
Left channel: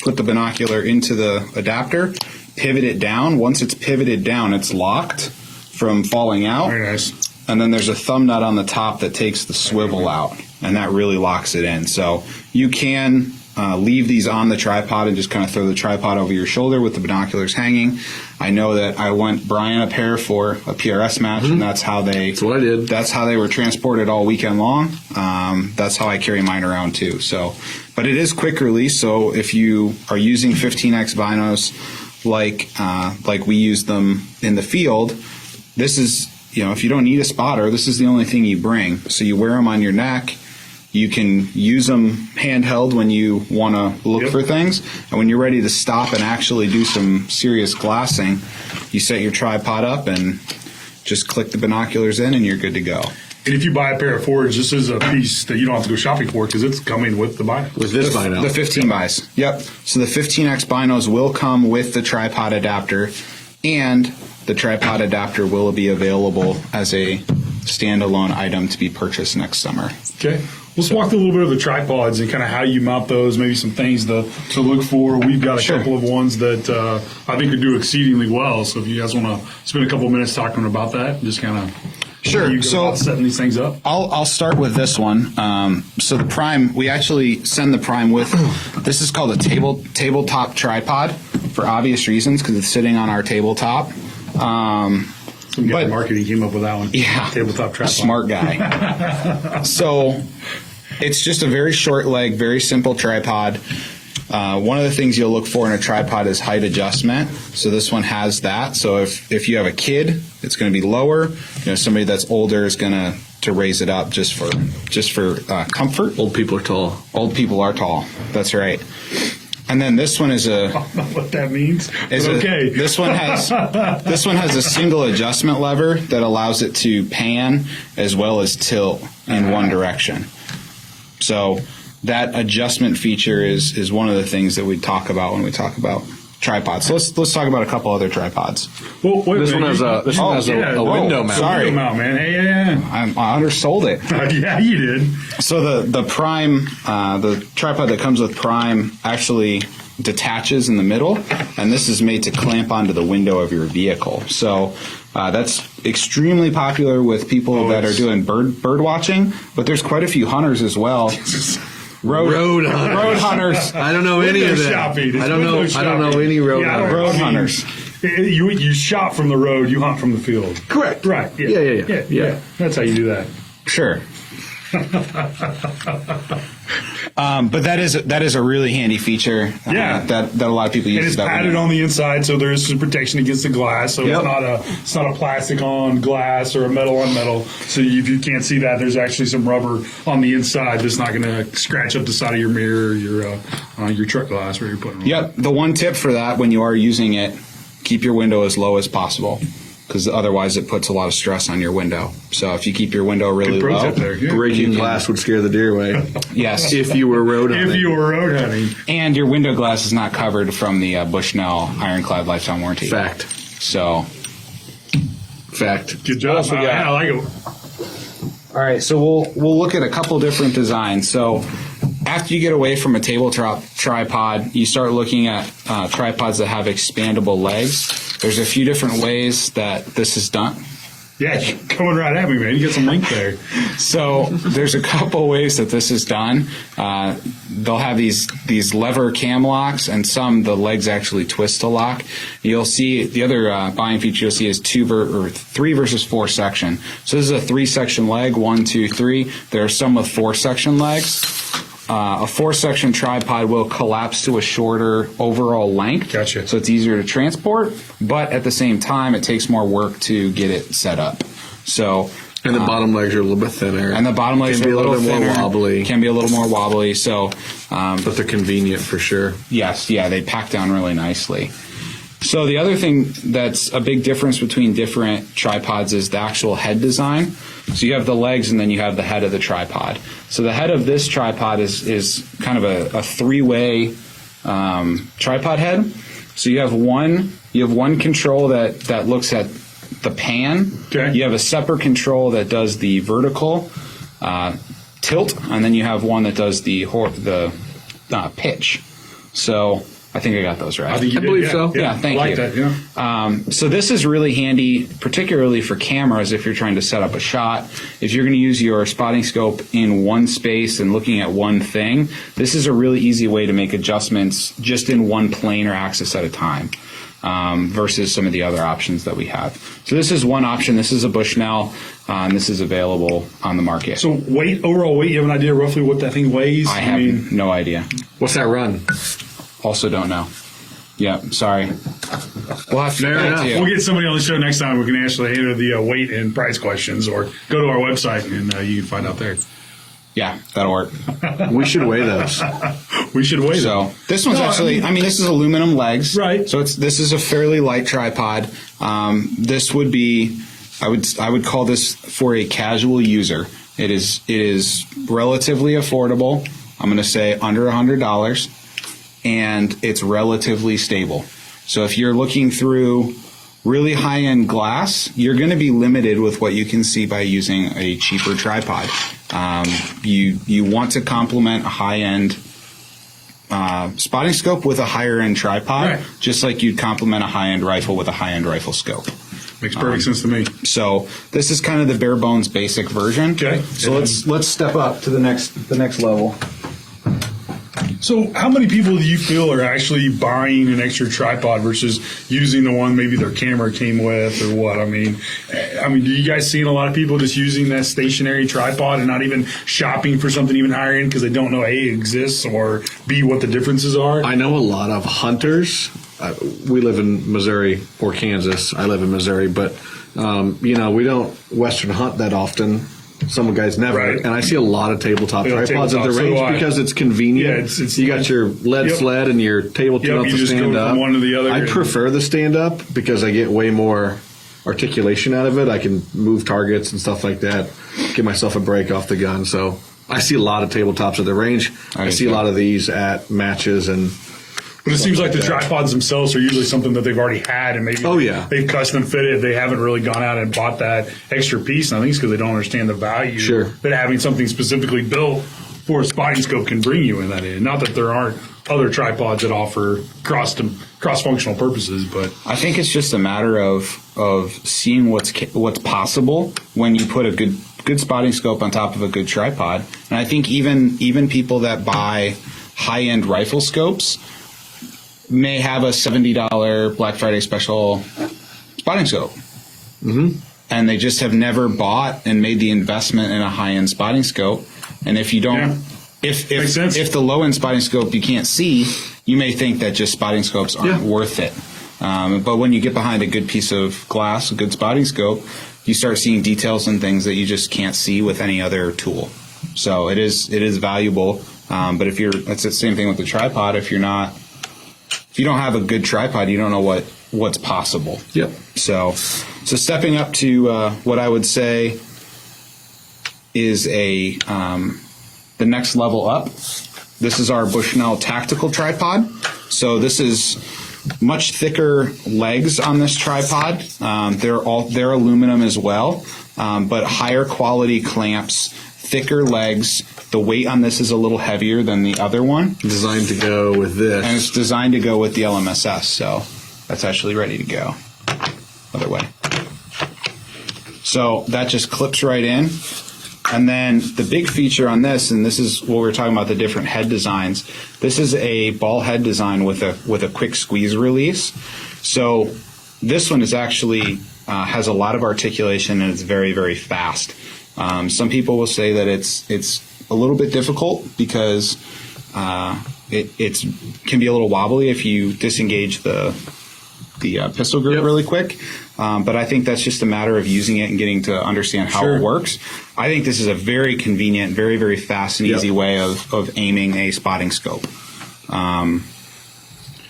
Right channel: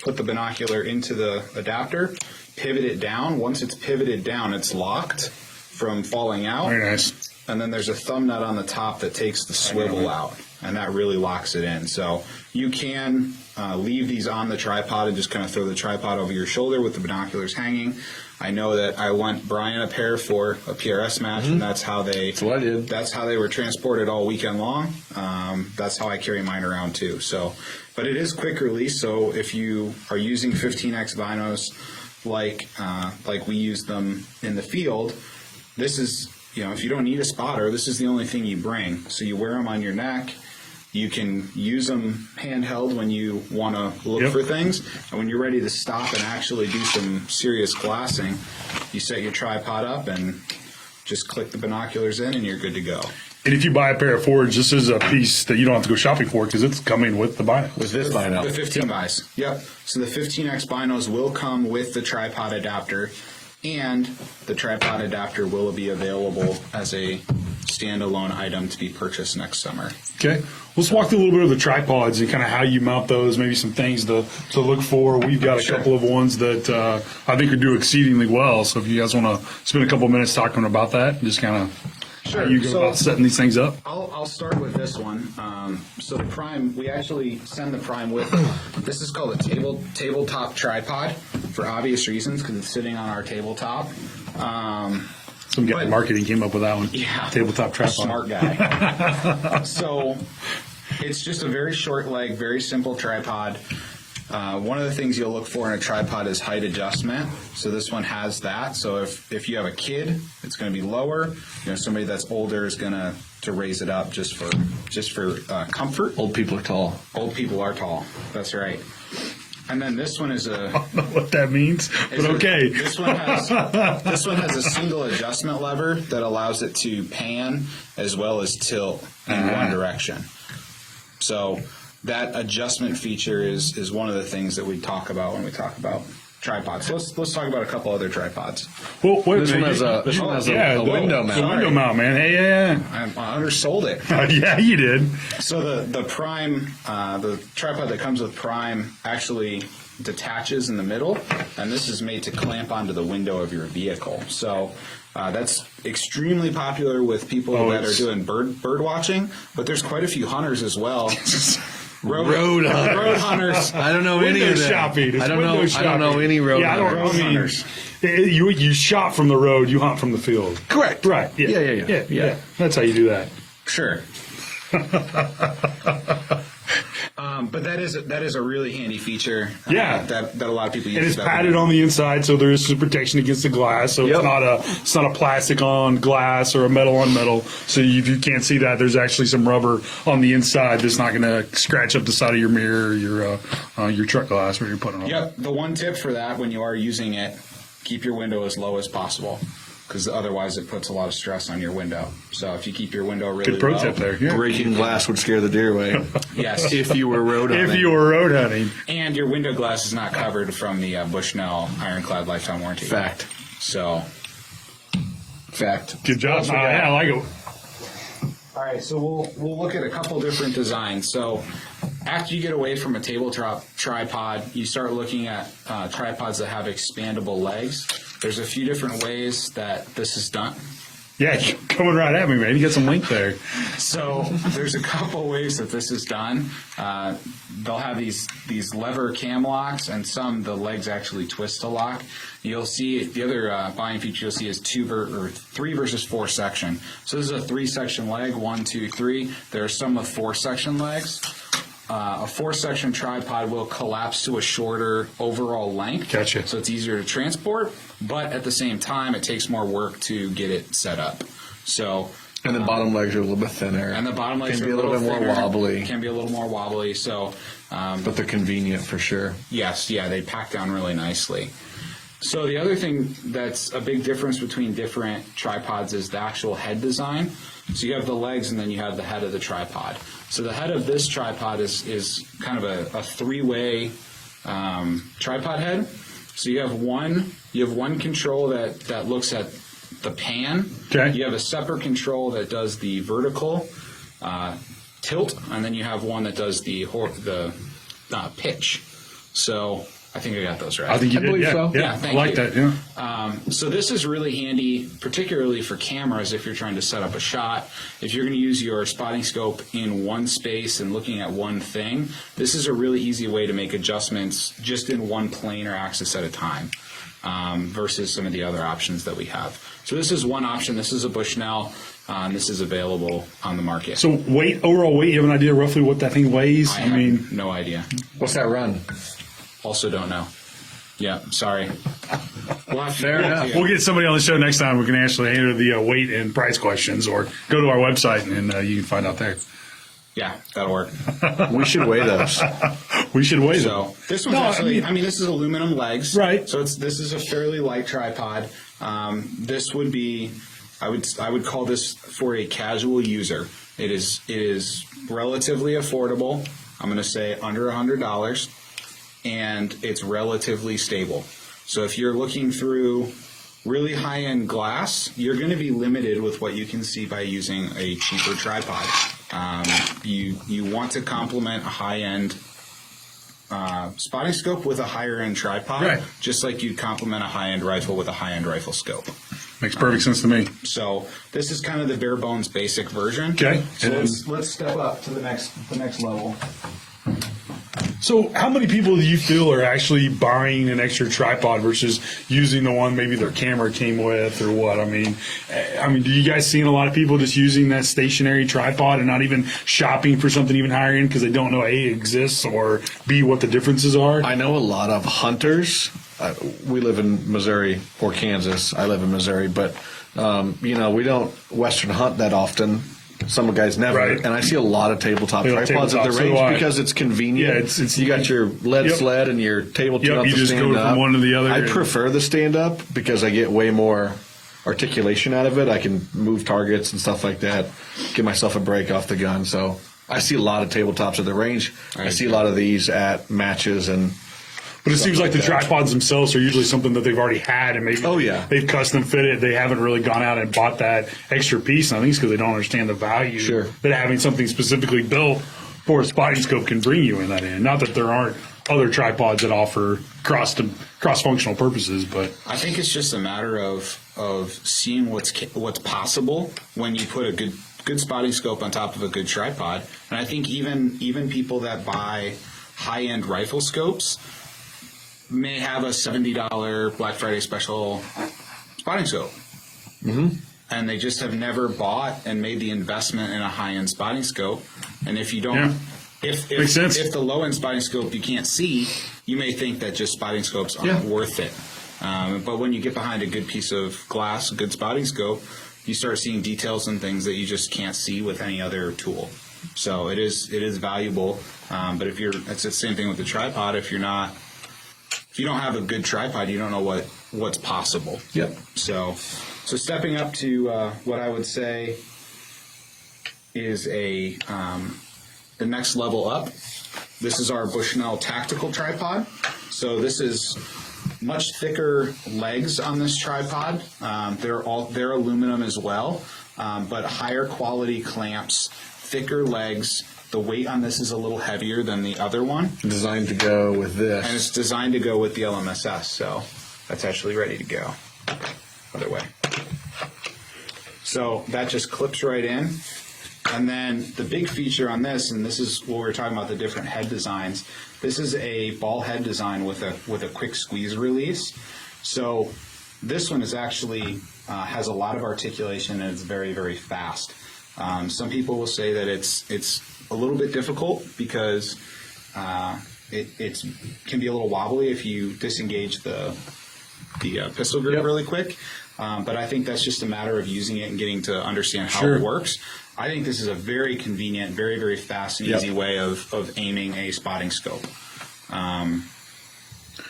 put the binocular into the adapter, pivot it down. Once it's pivoted down, it's locked from falling out. Very nice. And then there's a thumb nut on the top that takes the swivel out, and that really locks it in. So you can leave these on the tripod and just kind of throw the tripod over your shoulder with the binoculars hanging. I know that I went Brian a pair for a PRS match, and that's what I did. That's how they were transported all weekend long. That's how I carry mine around too. So, but it is quick release. So if you are using 15x binos like we use them in the field, this is, if you don't need a spotter, this is the only thing you bring. So you wear them on your neck. You can use them handheld when you want to look for things. And when you're ready to stop and actually do some serious glassing, you set your tripod up and just click the binoculars in, and you're good to go. And if you buy a pair of Fords, this is a piece that you don't have to go shopping for because it's coming with the buy. With this bino. The 15 buys. Yep. So the 15X binos will come with the tripod adapter, and the tripod adapter will be available as a standalone item to be purchased next summer. Okay. Let's walk through a little bit of the tripods and kind of how you mount those, maybe some things to look for. We've got a couple of ones that I think would do exceedingly well. So if you guys want to spend a couple of minutes talking about that, just kind of setting these things up. I'll start with this one. So the Prime, we actually send the Prime with, this is called a tabletop tripod for obvious reasons because it's sitting on our tabletop. Some guy in marketing came up with that one. Yeah. Tabletop tripod. Smart guy. So it's just a very short leg, very simple tripod. One of the things you'll look for in a tripod is height adjustment. So this one has that. So if you have a kid, it's going to be lower. Somebody that's older is going to raise it up just for comfort. Old people are tall. Old people are tall. That's right. And then this one is I don't know what that means. Okay. This one has a single adjustment lever that allows it to pan as well as tilt in one direction. So that adjustment feature is one of the things that we talk about when we talk about tripods. So let's talk about a couple other tripods. Well, This one has a window mount. Sorry. Window mount, man. Hey, yeah. I undersold it. Yeah, you did. So the Prime, the tripod that comes with Prime actually detaches in the middle, and this is made to clamp onto the window of your vehicle. So that's extremely popular with people that are doing bird watching, but there's quite a few hunters as well. Road hunters. I don't know any of them. Shopping. I don't know any road hunters. Road hunters. You shop from the road, you hunt from the field. Correct. Right. Yeah. That's how you do that. Sure. But that is a really handy feature that a lot of people use. And it's padded on the inside, so there is some protection against the glass. So it's not a plastic on glass or a metal on metal. So if you can't see that, there's actually some rubber on the inside that's not going to scratch up the side of your mirror, or your truck glass where you're putting it on. Yep. The one tip for that when you are using it, keep your window as low as possible, because otherwise it puts a lot of stress on your window. So if you keep your window really Good pro low, tip there. Yeah. Breaking glass would scare the deer away. yes, If you were road hunting. If you were road hunting. and your window glass is not covered from the Bushnell Ironclad lifetime warranty. Fact. So, Fact. Good job. What else we got? Yeah, I like it. all right. So we'll look at a couple different designs. So after you get away from a tabletop tripod, you start looking at tripods that have expandable legs. There's a few different ways that this is done. Yeah, you're coming right at me, man. You got some link there. So there's a couple ways that this is done. They'll have these lever cam locks, and the legs actually twist to lock. You'll see the other buying feature you'll see is 3 versus 4 section. So this is a 3-section leg, 1, 2, 3. There are some with 4-section legs. A 4-section tripod will collapse to a shorter overall length. Gotcha. So it's easier to transport, but at the same time, it takes more work to get it set up. So, And the bottom legs are a little bit thinner. and the bottom legs can are be a little bit thinner, more wobbly. Can be a little more wobbly. So, But they're convenient for sure. yes, they pack down really nicely. So the other thing that's a big difference between different tripods is the actual head design. So you have the legs and then you have the head of the tripod. So the head of this tripod is kind of a 3-way tripod head. So you have one control that looks at the pan. Okay. You have a separate control that does the vertical tilt, and then you have one that does the pitch. So I think I got those right. I think you I did, believe yeah. so. Yeah, thank I like you. that, yeah. So this is really handy, particularly for cameras if you're trying to set up a shot. If you're going to use your spotting scope in one space and looking at one thing, this is a really easy way to make adjustments just in one plane or axis at a time, versus some of the other options that we have. So this is one option. This is a Bushnell, and this is available on the market. So overall weight, you have an idea roughly what that thing weighs? I have no idea. What's that run? Also don't know. Yeah, sorry. We'll have to Fair get back enough. to you. We'll get somebody on the show next time who can actually answer the weight and price questions, or go to our website and you can find out there. Yeah, that'll work. We should weigh those. We should weigh them. So this one's actually, this is aluminum legs. Right. So this is a fairly light tripod. This would be, I would call this for a casual user. It is relatively affordable. I'm going to say under $100. And it's relatively stable. So if you're looking through really high-end glass, you're going to be limited with what you can see by using a cheaper tripod. You want to complement a high-end spotting scope with a higher-end tripod, Right. just like you'd complement a high-end rifle with a high-end rifle scope. Makes perfect sense to me. So this is kind of the bare bones basic version. Okay. So let's step up to the next level. So how many people do you feel are actually buying an extra tripod versus using the one maybe their camera came with or what? I mean, do you guys see a lot of people just using that stationary tripod and not even shopping for something even higher end because they don't know A, it exists, or B, what the differences are? I know a lot of hunters. We live in Missouri or Kansas. I live in Missouri, but we don't Western hunt that often. Some guys never, Right. and I see a lot of tabletop tripods at the so range because it's convenient. Yeah, it's you got your lead Yep. sled and your tabletop you to just stand go from up. one to the other. I prefer the stand up because I get way more articulation out of it. I can move targets and stuff like that, give myself a break off the gun. So I see a lot of tabletops at the range. I see a lot of these at matches and. But it seems like the tripods themselves are usually something that they've already had, and maybe they've custom fitted. They haven't really gone out and bought that extra piece. And I think it's because they don't understand the value that having something specifically built for a spotting scope can bring you in that end. Not that there aren't other tripods that offer cross-functional purposes, but I think it's just a matter of seeing what's possible when you put a good spotting scope on top of a good tripod. And I think even people that buy high-end rifle scopes may have a $70 Black Friday special spotting scope. Mm-hmm. And they just have never bought and made the investment in a high-end spotting scope. And if you don't, if the low-end spotting scope you can't see, you may think that just spotting scopes aren't worth it. But when you get behind a good piece of glass, a good spotting scope, you start seeing details and things that you just can't see with any other tool. So it is valuable. But it's the same thing with the tripod. If you don't have a good tripod, you don't know what's possible. Yep. So stepping up to what I would say is the next level up. This is our Bushnell tactical tripod. So this is much thicker legs on this tripod. They're aluminum as well, but higher quality clamps, thicker legs. The weight on this is a little heavier than the other one. Designed to go with this. And it's designed to go with the LMSS, so that's actually ready to go. Other way. So that just clips right in. And then the big feature on this, and this is what we're talking about, the different head designs. This is a ball head design with a quick squeeze release. So this one is actually has a lot of articulation and it's very, very fast. Some people will say that it's a little bit difficult because it can be a little wobbly if you disengage the pistol grip really quick. But I think that's just a matter of using it and getting to understand how it works. I think this is a very convenient, very, very fast and easy way of aiming a spotting scope.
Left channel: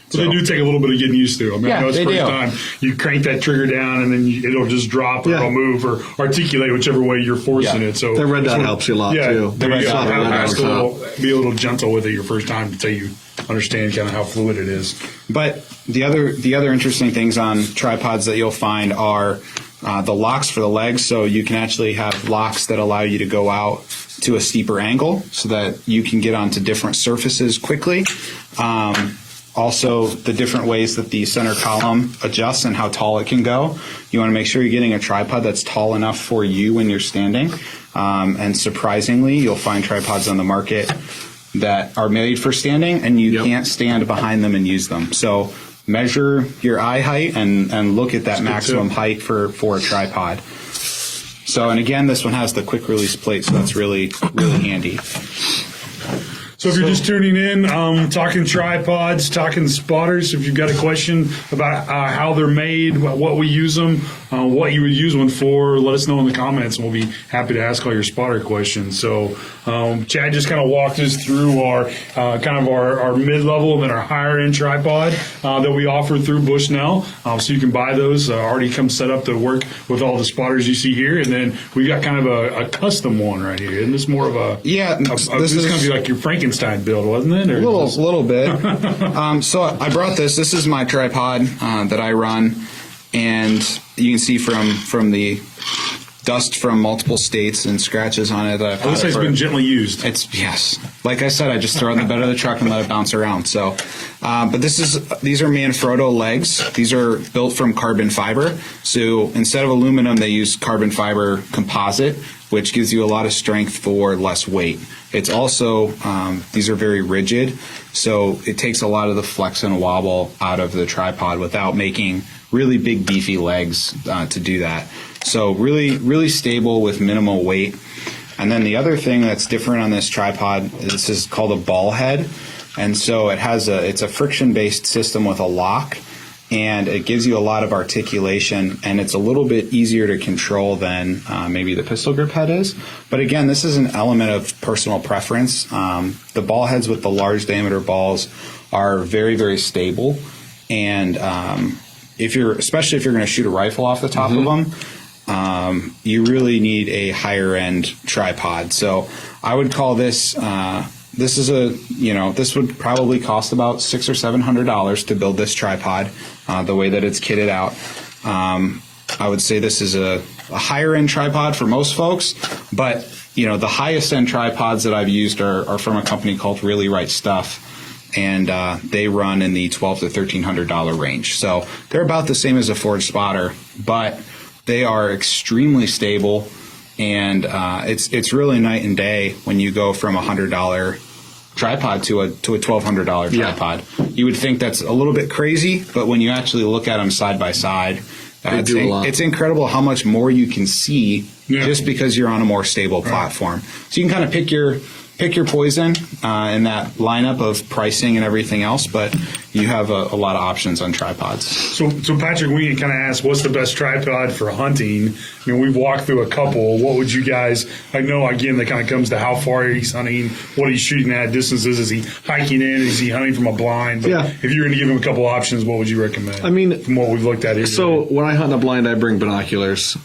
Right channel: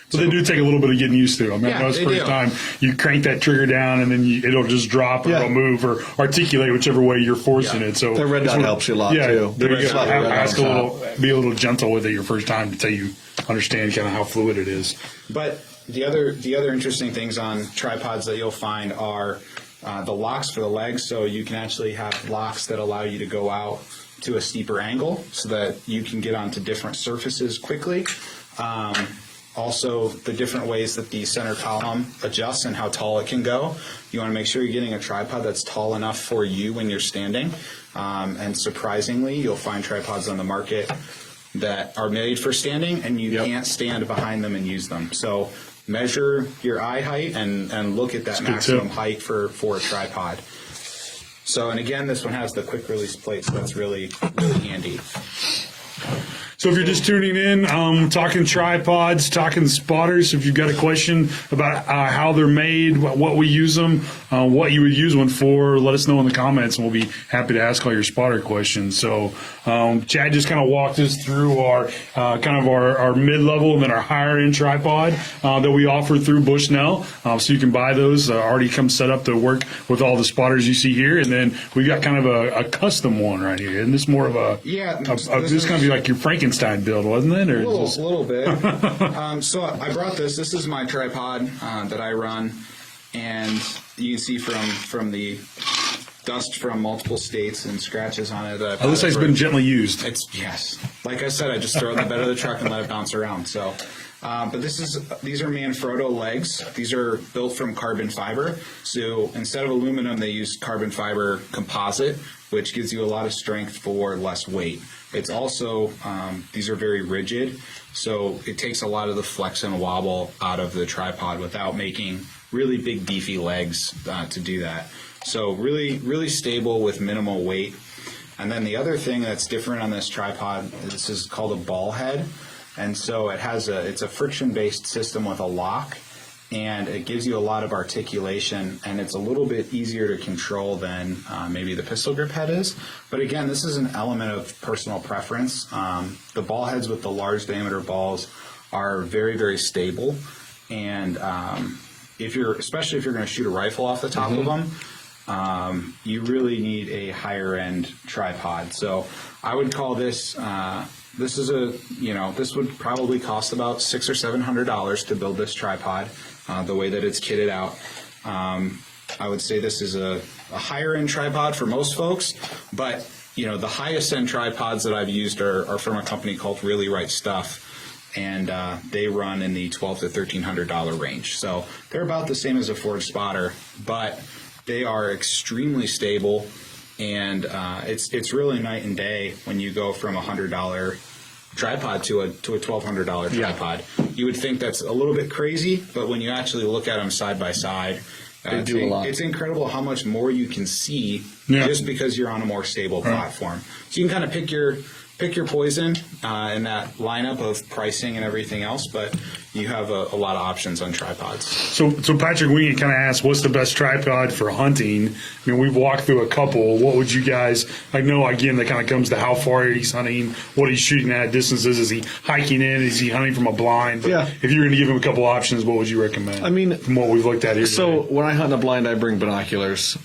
So they do take a little bit of getting used to. I mean, I know it's the they first do. time you crank that trigger down and then it'll just drop or it'll move or articulate whichever way you're forcing it. So the red dot helps you a lot too. The red dot on top. Be a little gentle with it your first time until you understand kind of how fluid it is. But the other interesting things on tripods that you'll find are the locks for the legs. So you can actually have locks that allow you to go out to a steeper angle so that you can get onto different surfaces quickly. Also, the different ways that the center column adjusts and how tall it can go. You want to make sure you're getting a tripod that's tall enough for you when you're standing. And surprisingly, you'll find tripods on the market that are made for standing, and you can't stand behind them and use them. So measure your eye height and look at that maximum height for a tripod. So, and again, this one has the quick release plate, so that's really, really handy. So if you're just tuning in, talking tripods, talking spotters, if you've got a question about how they're made, what we use them, what you would use one for, let us know in the comments, and we'll be happy to ask all your spotter questions. So Chad just kind of walked us through our our mid-level and then our higher-end tripod that we offer through Bushnell. So you can buy those, already come set up to work with all the spotters you see here. And then we've got kind of a custom one right here. Isn't this more of a... Yeah. This is going to be like your Frankenstein build, wasn't it? Or a little bit. So I brought this. This is my tripod that I run, and you can see from the dust from multiple states and scratches on it that I've had. This has been gently used. Yes. Like I said, I just throw it in the bed of the truck and let it bounce around. So, but these are Manfrotto legs. These are built from carbon fiber. So instead of aluminum, they use carbon fiber composite, which gives you a lot of strength for less weight. It's also, these are very rigid, so it takes a lot of the flex and wobble out of the tripod without making really big beefy legs to do that. So really, really stable with minimal weight. And then the other thing that's different on this tripod, this is called a ball head. And so it's a friction-based system with a lock, and it gives you a lot of articulation, and it's a little bit easier to control than maybe the pistol grip head is. But again, this is an element of personal preference. The ball heads with the large diameter balls are very, very stable, and especially if you're going to shoot a rifle off the top of them, you really need a higher end tripod. So I would call this. This would probably cost about $600 or $700 to build this tripod, the way that it's kitted out. I would say this is a higher end tripod for most folks, but the highest end tripods that I've used are from a company called Really Right Stuff, and they run in the $1,200 to $1,300 range. So they're about the same as a Forge Spotter, but they are extremely stable, and it's really night and day when you go from $100 tripod to a $1,200 tripod. You would think that's a little bit crazy, but when you actually look at them side by side, they do a lot. It's incredible how much more you can see just because you're on a more stable platform. So you can kind of pick your poison in that lineup of pricing and everything else, but you have a lot of options on tripods. So Patrick, we kind of asked, what's the best tripod for hunting? We've walked through a couple. What would you guys, I know, again, that kind of comes to how far he's hunting, what he's shooting at, distances, is he hiking in, is he hunting from a blind? But if you're going to give him a couple options, what would you recommend? From what we've looked at here So today? when I hunt in a blind, I bring binoculars.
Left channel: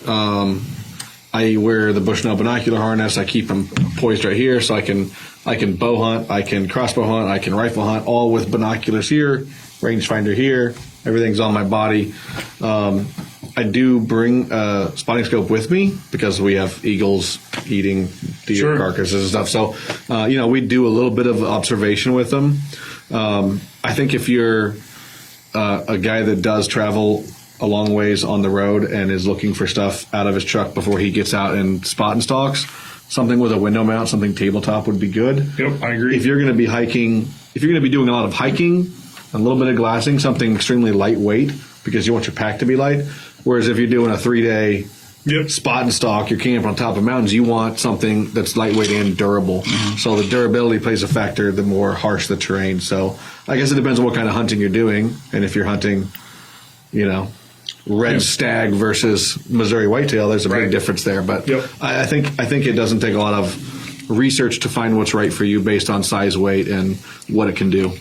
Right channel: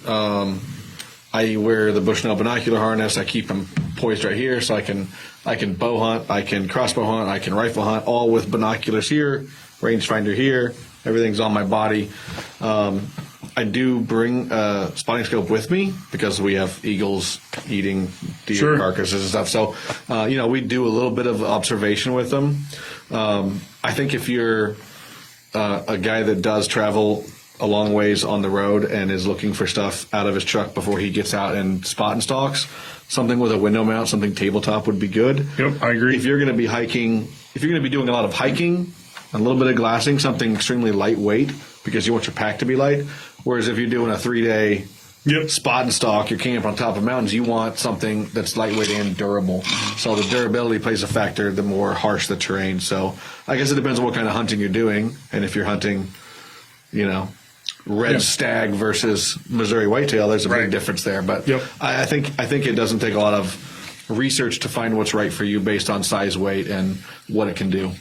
I wear the Bushnell binocular harness. I keep them poised right here, so I can bow hunt, I can crossbow hunt, I can rifle hunt, all with binoculars here, rangefinder here. Everything's on my body. I do bring a spotting scope with me because we have eagles eating deer carcasses and stuff. So, we do a little bit of observation with them. I think if you're a guy that does travel a long ways on the road and is looking for stuff out of his truck before he gets out and spot and stalks, something with a window mount, something tabletop would be good. Yep, I agree. If you're going to be hiking, if you're going to be doing a lot of hiking, a little bit of glassing, something extremely lightweight because you want your pack to be light. Whereas if you're doing a 3-day spot and stalk, you're camping on top of mountains, you want something that's lightweight and durable. So the durability plays a factor the more harsh the terrain. So I guess it depends on what kind of hunting you're doing. And if you're hunting, red stag versus Missouri whitetail, there's a big difference there. But I think it doesn't take a lot of research to find what's right for you based on size, weight, and what it can do.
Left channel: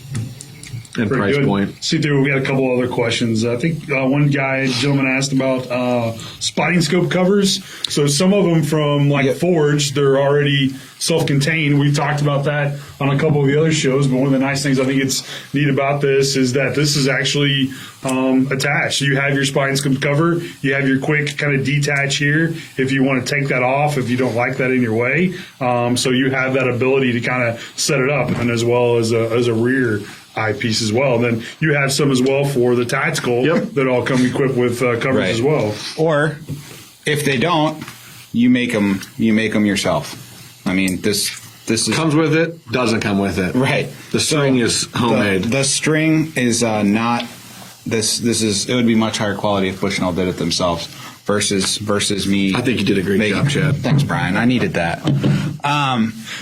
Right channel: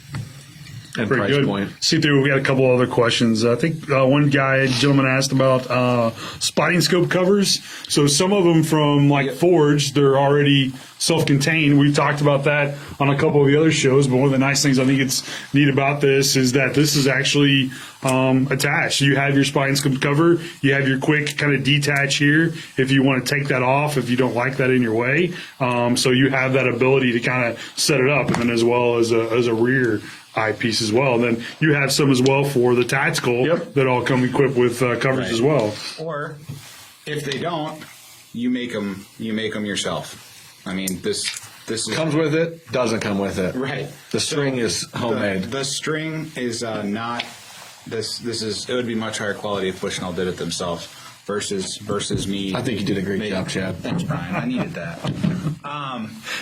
And price point. See, we got a couple other questions. I think one gentleman asked about spotting scope covers. So some of them from Forge, they're already self-contained. We've talked about that on a couple of the other shows, but one of the nice things I think it's neat about this is that this is actually attached. You have your spotting scope cover. You have your quick kind of detach here if you want to take that off, if you don't like that in your way. So you have that ability to kind of set it up, and as well as a rear eyepiece as well. And then you have some as well for the tactical that all come equipped with covers as well. Or if they don't, you make them yourself. I mean, this is comes with it, doesn't come with it. Right. The string is homemade. The string is not. This is. It would be much higher quality if Bushnell did it themselves versus me. I think you did a great job, Chad. Thanks, Brian. I needed that.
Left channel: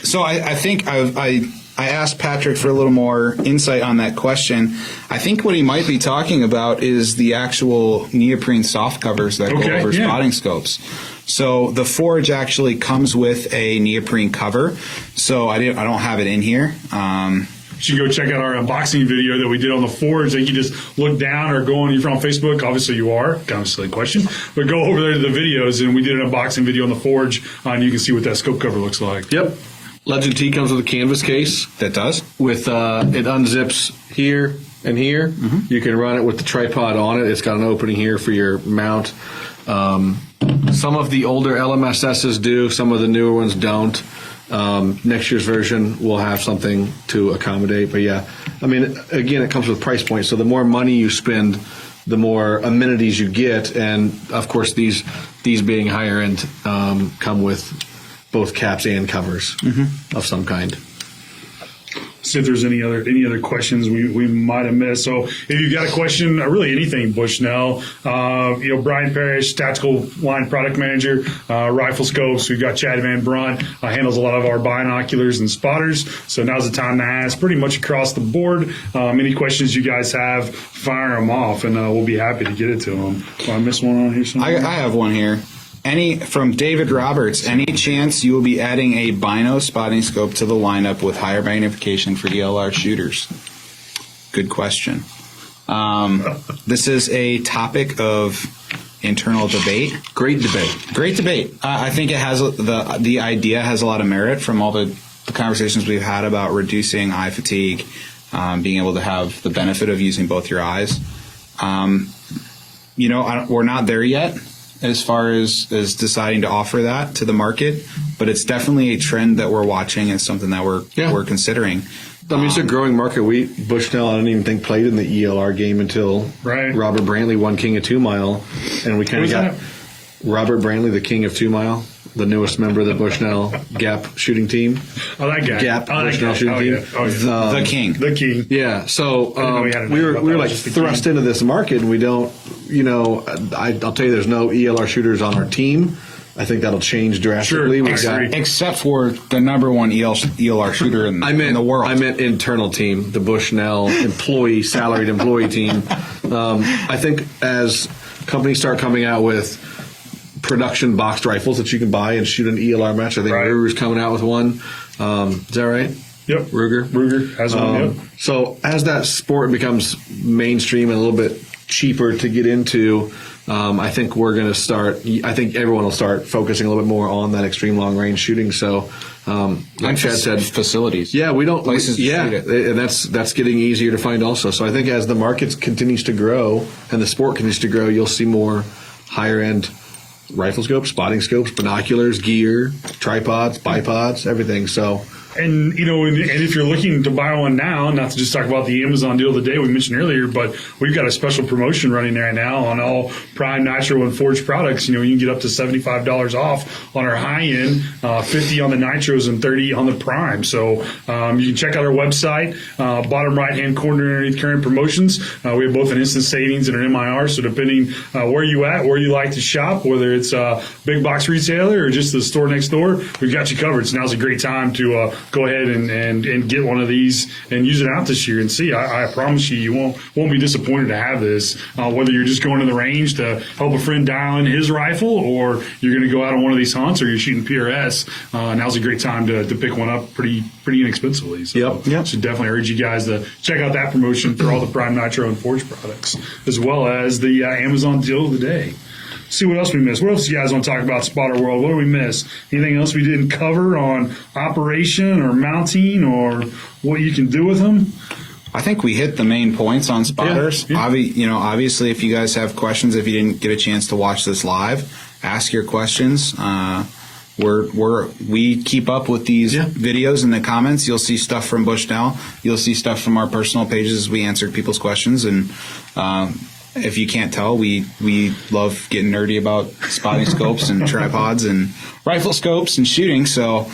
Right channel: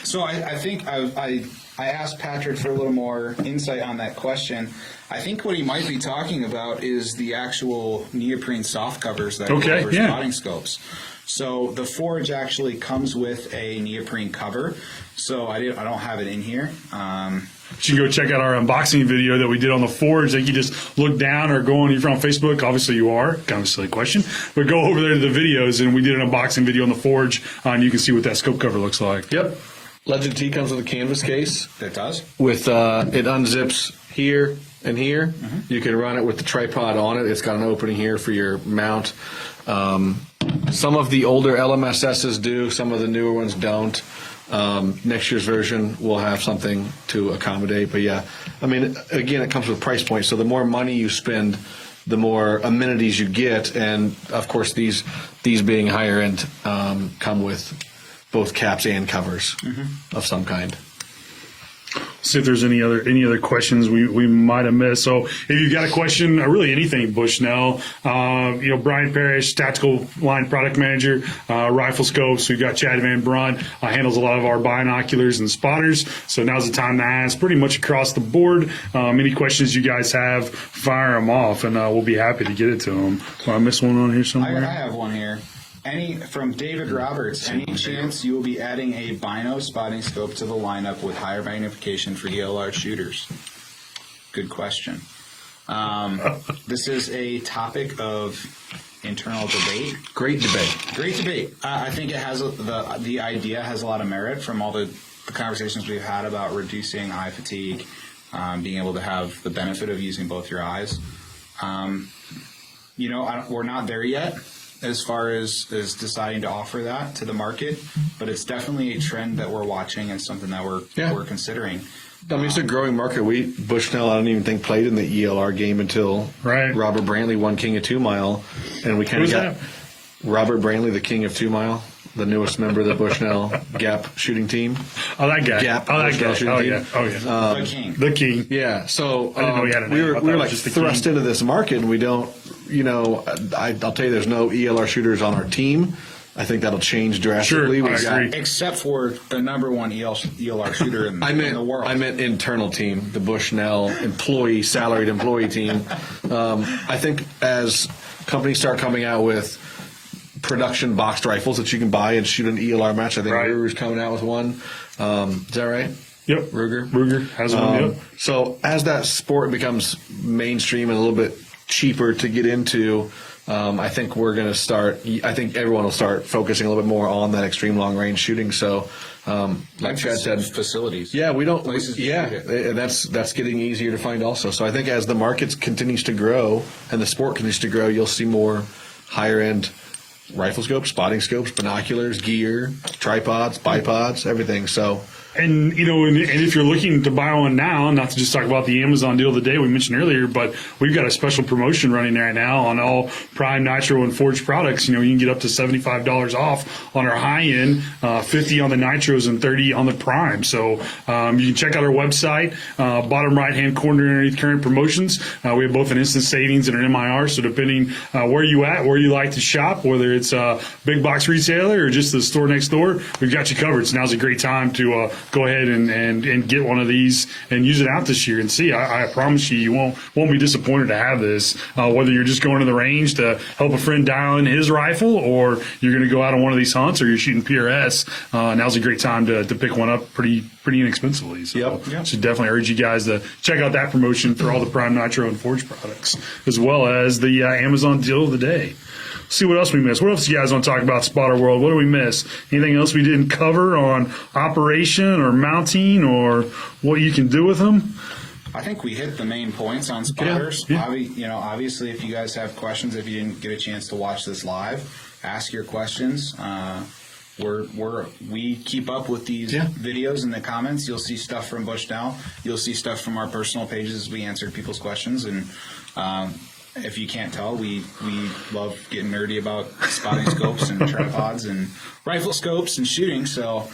So I think I asked Patrick for a little more insight on that question. I think what he might be talking about is the actual neoprene soft covers that go over spotting scopes. So the Forge actually comes with a neoprene cover. So I don't have it in here. You should go check out our unboxing video that we did on the Forge. That you just look down or go on. You're on Facebook. Obviously you are. Kind of a silly question. But go over there to the videos, and we did an unboxing video on the Forge, and you can see what that scope cover looks like. Yep. Legend T comes with a canvas case. That does. With it unzips here and here. Mm-hmm. You can run it with the tripod on it. It's got an opening here for your mount. Some of the older LMSSs do. Some of the newer ones don't. Next year's version will have something to accommodate. But yeah, I mean, again, it comes with price points. So the more money you spend, the more amenities you get. And of course, these being higher end come with both caps and covers of some kind. See if there's any other questions we might have missed. So if you've got a question, really anything, Bushnell, Brian Parrish, Tactical Line Product Manager, Rifle Scopes. We've got Chad Van Brunt, handles a lot of our binoculars and spotters. So now's the time to ask pretty much across the board. Any questions you guys have, fire them off, and we'll be happy to get it to them. I missed one on here somewhere. I have one here. From David Roberts, any chance you will be adding a bino spotting scope to the lineup with higher magnification for ELR shooters? Good question. This is a topic of internal debate. Great debate. Great debate. I think it has the idea has a lot of merit from all the conversations we've had about reducing eye fatigue, being able to have the benefit of using both your eyes. We're not there yet as far as deciding to offer that to the market, but it's definitely a trend that we're watching and something that we're considering. I mean, it's a growing market. Bushnell, I don't even think played in the ELR game until Robert Brantley won King of 2 Mile, and we kind of got Robert Brantley, the King of 2 Mile, the newest member of the Bushnell Gap shooting team. Oh, that guy. Gap Bushnell shooting team. Yeah. The king. The king. Yeah. So we were like thrust into this market, and we don't. I'll tell you, there's no ELR shooters on our team. I think that'll change drastically. Sure, except for the number one ELR shooter in the world. I meant internal team, the Bushnell salaried employee team. I think as companies start coming out with production boxed rifles that you can buy and shoot an ELR match, I think Ruger's coming out with one. Is that right? Yep. Ruger has one. Yep. So as that sport becomes mainstream and a little bit cheaper to get into, I think we're going to start. I think everyone will start focusing a little bit more on that extreme long range shooting. So, like Chad said, facilities. Yeah, we don't places. To shoot it. And that's getting easier to find also. So I think as the market continues to grow and the sport continues to grow, you'll see more higher end rifle scopes, spotting scopes, binoculars, gear, tripods, bipods, everything. So. And if you're looking to buy one now, not to just talk about the Amazon deal of the day we mentioned earlier, but we've got a special promotion running right now on all Prime Nitro and Forge products. You can get up to $75 off on our high end, 50 on the Nitros and 30 on the Prime. So you can check out our website, bottom right hand corner underneath current promotions. We have both an instant savings and an MIR. So depending where you like to shop, whether it's a big box retailer or just the store next door, we've got you covered. So now's a great time to go ahead and get one of these and use it out this year and see. I promise you won't be disappointed to have this. Whether you're just going to the range to help a friend down his rifle, or you're going to go out on one of these hunts, or you're shooting PRS, now's a great time to pick one up pretty inexpensively. So, Yep. So definitely urge you guys to check out that promotion for all the Prime Nitro and Forge products, as well as the Amazon deal of the day. See what else we missed. What else do you guys want to talk about Spotter World? What did we miss? Anything else we didn't cover on operation or mounting or what you can do with them? I think we hit the main points on spotters. Yeah. Obviously, if you guys have questions, if you didn't get a chance to watch this live, ask your questions. We keep up with these videos in the comments. You'll see stuff from Bushnell. You'll see stuff from our personal pages as we answered people's questions. And if you can't tell, we love getting nerdy about spotting scopes and tripods and rifle scopes and shooting. So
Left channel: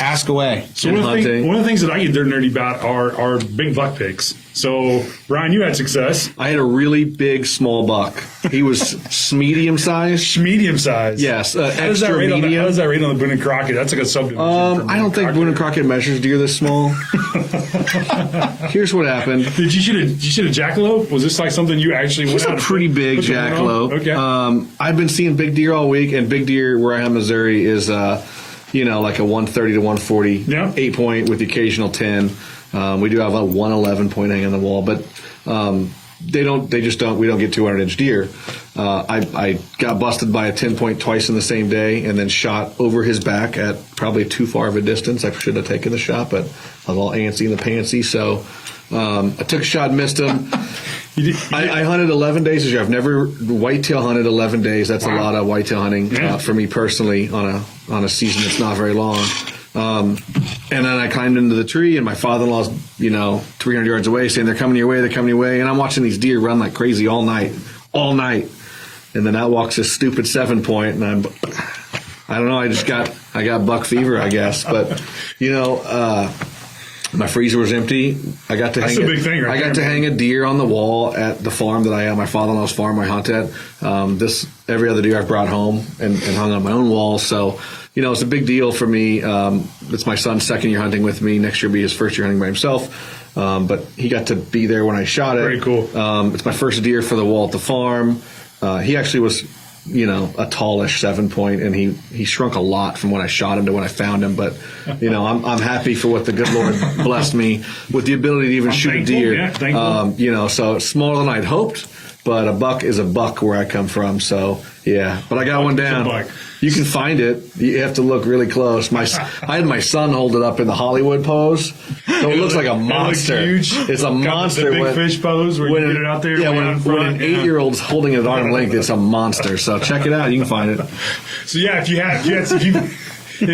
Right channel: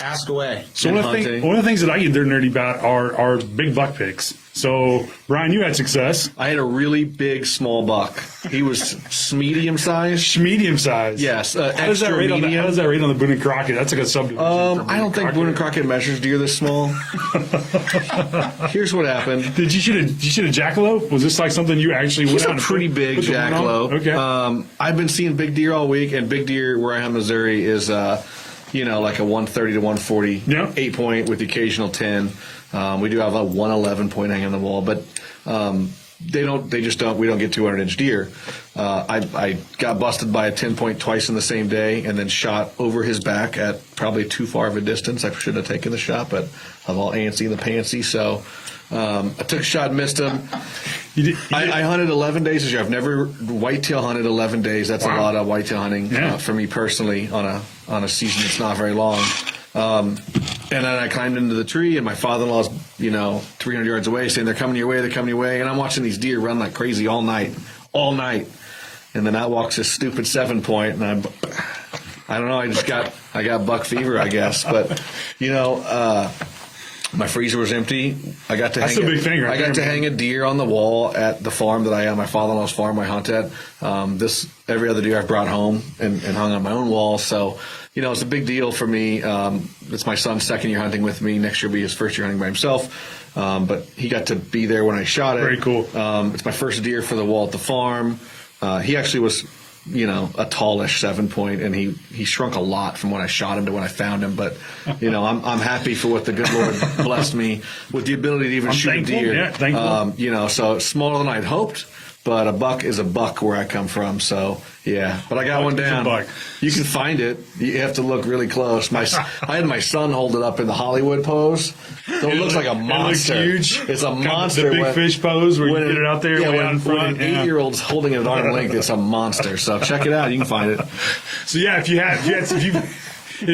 ask away. So one of the things that I get nerdy about are big buck picks. So, Brian, you had success. I had a really big small buck. He was medium size. Medium size. Yes, extra medium. How does that read on the Boone and Crockett? That's like a subdivision. I don't think Boone and Crockett measures deer this small. Here's what happened. Did you shoot a jackalope? Was this like something you actually? He's a pretty big jackalope. Okay. I've been seeing big deer all week, and big deer where I am in Missouri is like a 130 to 140 8 point with the occasional 10. We do have a 111 point hanging on the wall, but we don't get 200-inch deer. I got busted by a 10 point twice in the same day and then shot over his back at probably too far of a distance. I should have taken the shot, but I was all antsy in the pantsy. So I took a shot, missed him. I hunted 11 days this year. I've never whitetail hunted 11 days. That's a lot of whitetail hunting for me personally on a season that's not very long. And then I climbed into the tree, and my father-in-law's, 300 yards away, saying, they're coming your way, and I'm watching these deer run like crazy all night. And then out walks a stupid 7 point, and I don't know. I got buck fever, I guess. But my freezer was empty. I got to hang a deer on the wall at the farm that I am. My father-in-law's farm I hunt at. Every other deer I've brought home and hung on my own wall. So, it's a big deal for me. It's my son's second year hunting with me. Next year will be his first year hunting by himself. But he got to be there when I shot it. Very cool. It's my first deer for the wall at the farm. He actually was, a tallish 7-point, and he shrunk a lot from when I shot him to when I found him. But, I'm happy for what the good Lord blessed me with the ability to even shoot a deer. Yeah, thankful. So it's smaller than I'd hoped, but a buck is a buck where I come from. So, yeah. But I got one down. You can find it. You have to look really close. I had my son hold it up in the Hollywood pose. So it looks like a monster. It looks huge. It's a monster. The big fish pose where you get it out there. Yeah, when an 8-year-old's holding it at arm length, it's a monster. So check it out. You can find it. So yeah, if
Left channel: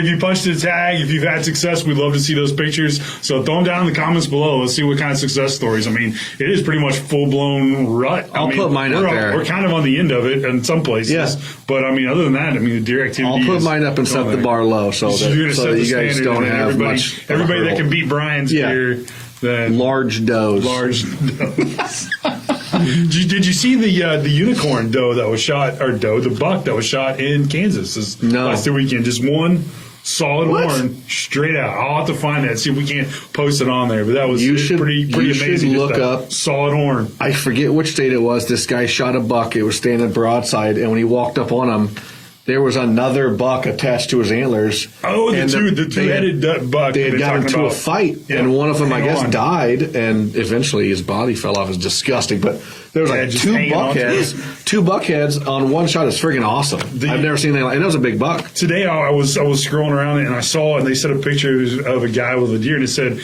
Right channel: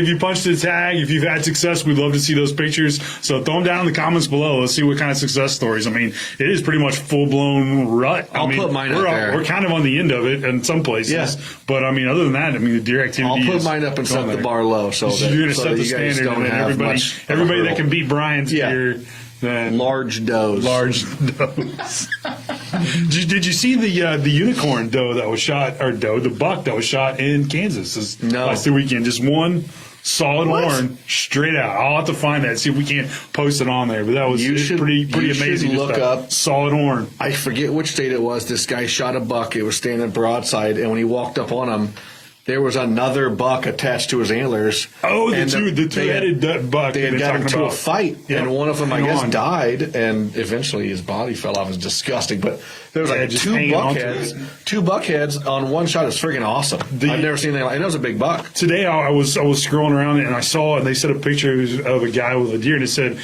you punched the tag, if you've had success, we'd love to see those pictures. So throw them down in the comments below. Let's see what kind of success stories. I mean, it is pretty much full-blown rut. I'll put mine up there. We're kind of on the end of it in some places. Yeah. But, other than that, the deer activity I'll put mine up and set the bar low so you guys don't have much. Everybody that can beat Brian's deer. Large does. Did you see the unicorn doe that was shot, or the buck that was shot in Kansas this last weekend? Just one solid horn straight out. I'll have to find that, see if we can't post it on there. But that was pretty amazing. Should look up solid horn. I forget which state it was. This guy shot a buck. It was standing broadside, and when he walked up on him, there was another buck attached to his antlers. Oh, the two-headed buck. They had gotten into a fight, and one of them, I guess, died, and eventually his body fell off. It was disgusting. But there was like two buckheads on one shot. It's freaking awesome. I've never seen that. And that was a big buck. Today I was scrolling around and I saw it. They sent a picture of a guy with a deer, and it said,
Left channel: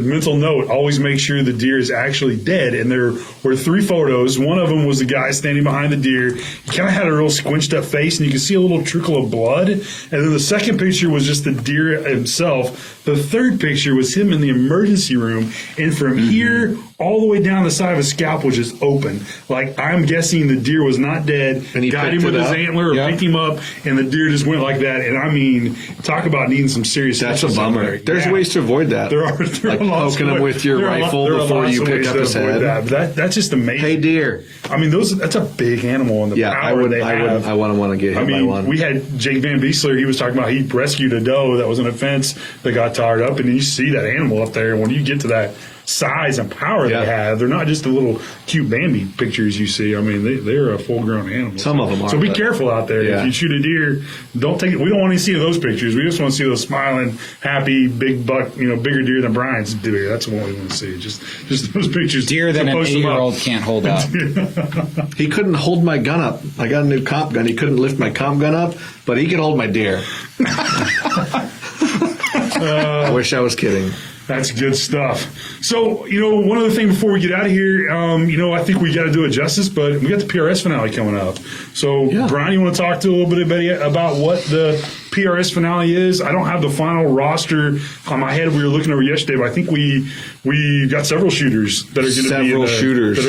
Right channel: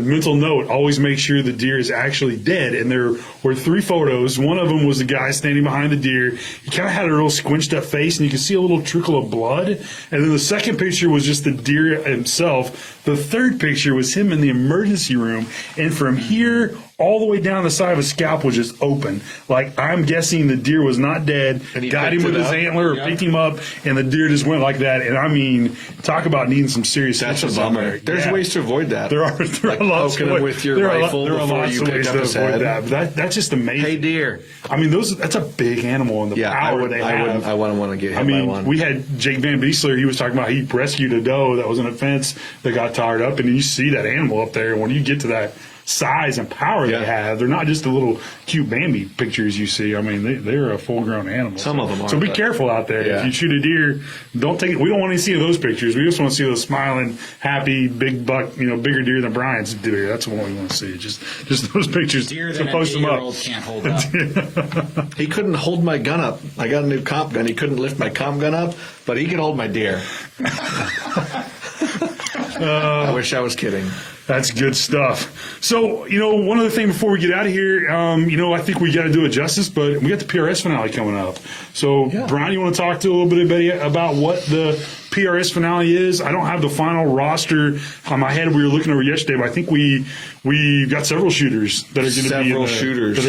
mental note, always make sure the deer is actually dead. And there were 3 photos. One of them was the guy standing behind the deer. He kind of had a real squinched up face, and you could see a little trickle of blood. And then the second picture was just the deer himself. The third picture was him in the emergency room. And from here all the way down the side of his scalp was just open. Like, I'm guessing the deer was not dead. And he got him with his antler, picked him up, and the deer just went like that. And talk about needing some serious. That's a bummer. There's ways to avoid that. There are poking him with your rifle before you pick up his head. That's just amazing. Hey, deer. That's a big animal, and the power they have. I wouldn't want to get hit by one. We had Jake Van Biesler. He was talking about he rescued a doe that was in a fence that got tied up, and you see that animal up there. And when you get to that size and power they have, they're not just the little cute Bambi pictures you see. They're a full-grown animal. Some of them are. So be careful out there. If you shoot a deer, don't take it. We don't want to see those pictures. We just want to see those smiling, happy, big buck, bigger deer than Brian's deer. That's what we want to see. Just those pictures. Deer that an 8-year-old can't hold up. He couldn't hold my gun up. I got a new comp gun. He couldn't lift my comp gun up, but he could hold my deer. I wish I was kidding. That's good stuff. So, one other thing before we get out of here, I think we got to do it justice, but we got the PRS finale coming up. So, Brian, you want to talk to a little bit about what the PRS finale is? I don't have the final roster on my head. We were looking over yesterday, but I think we got several shooters that are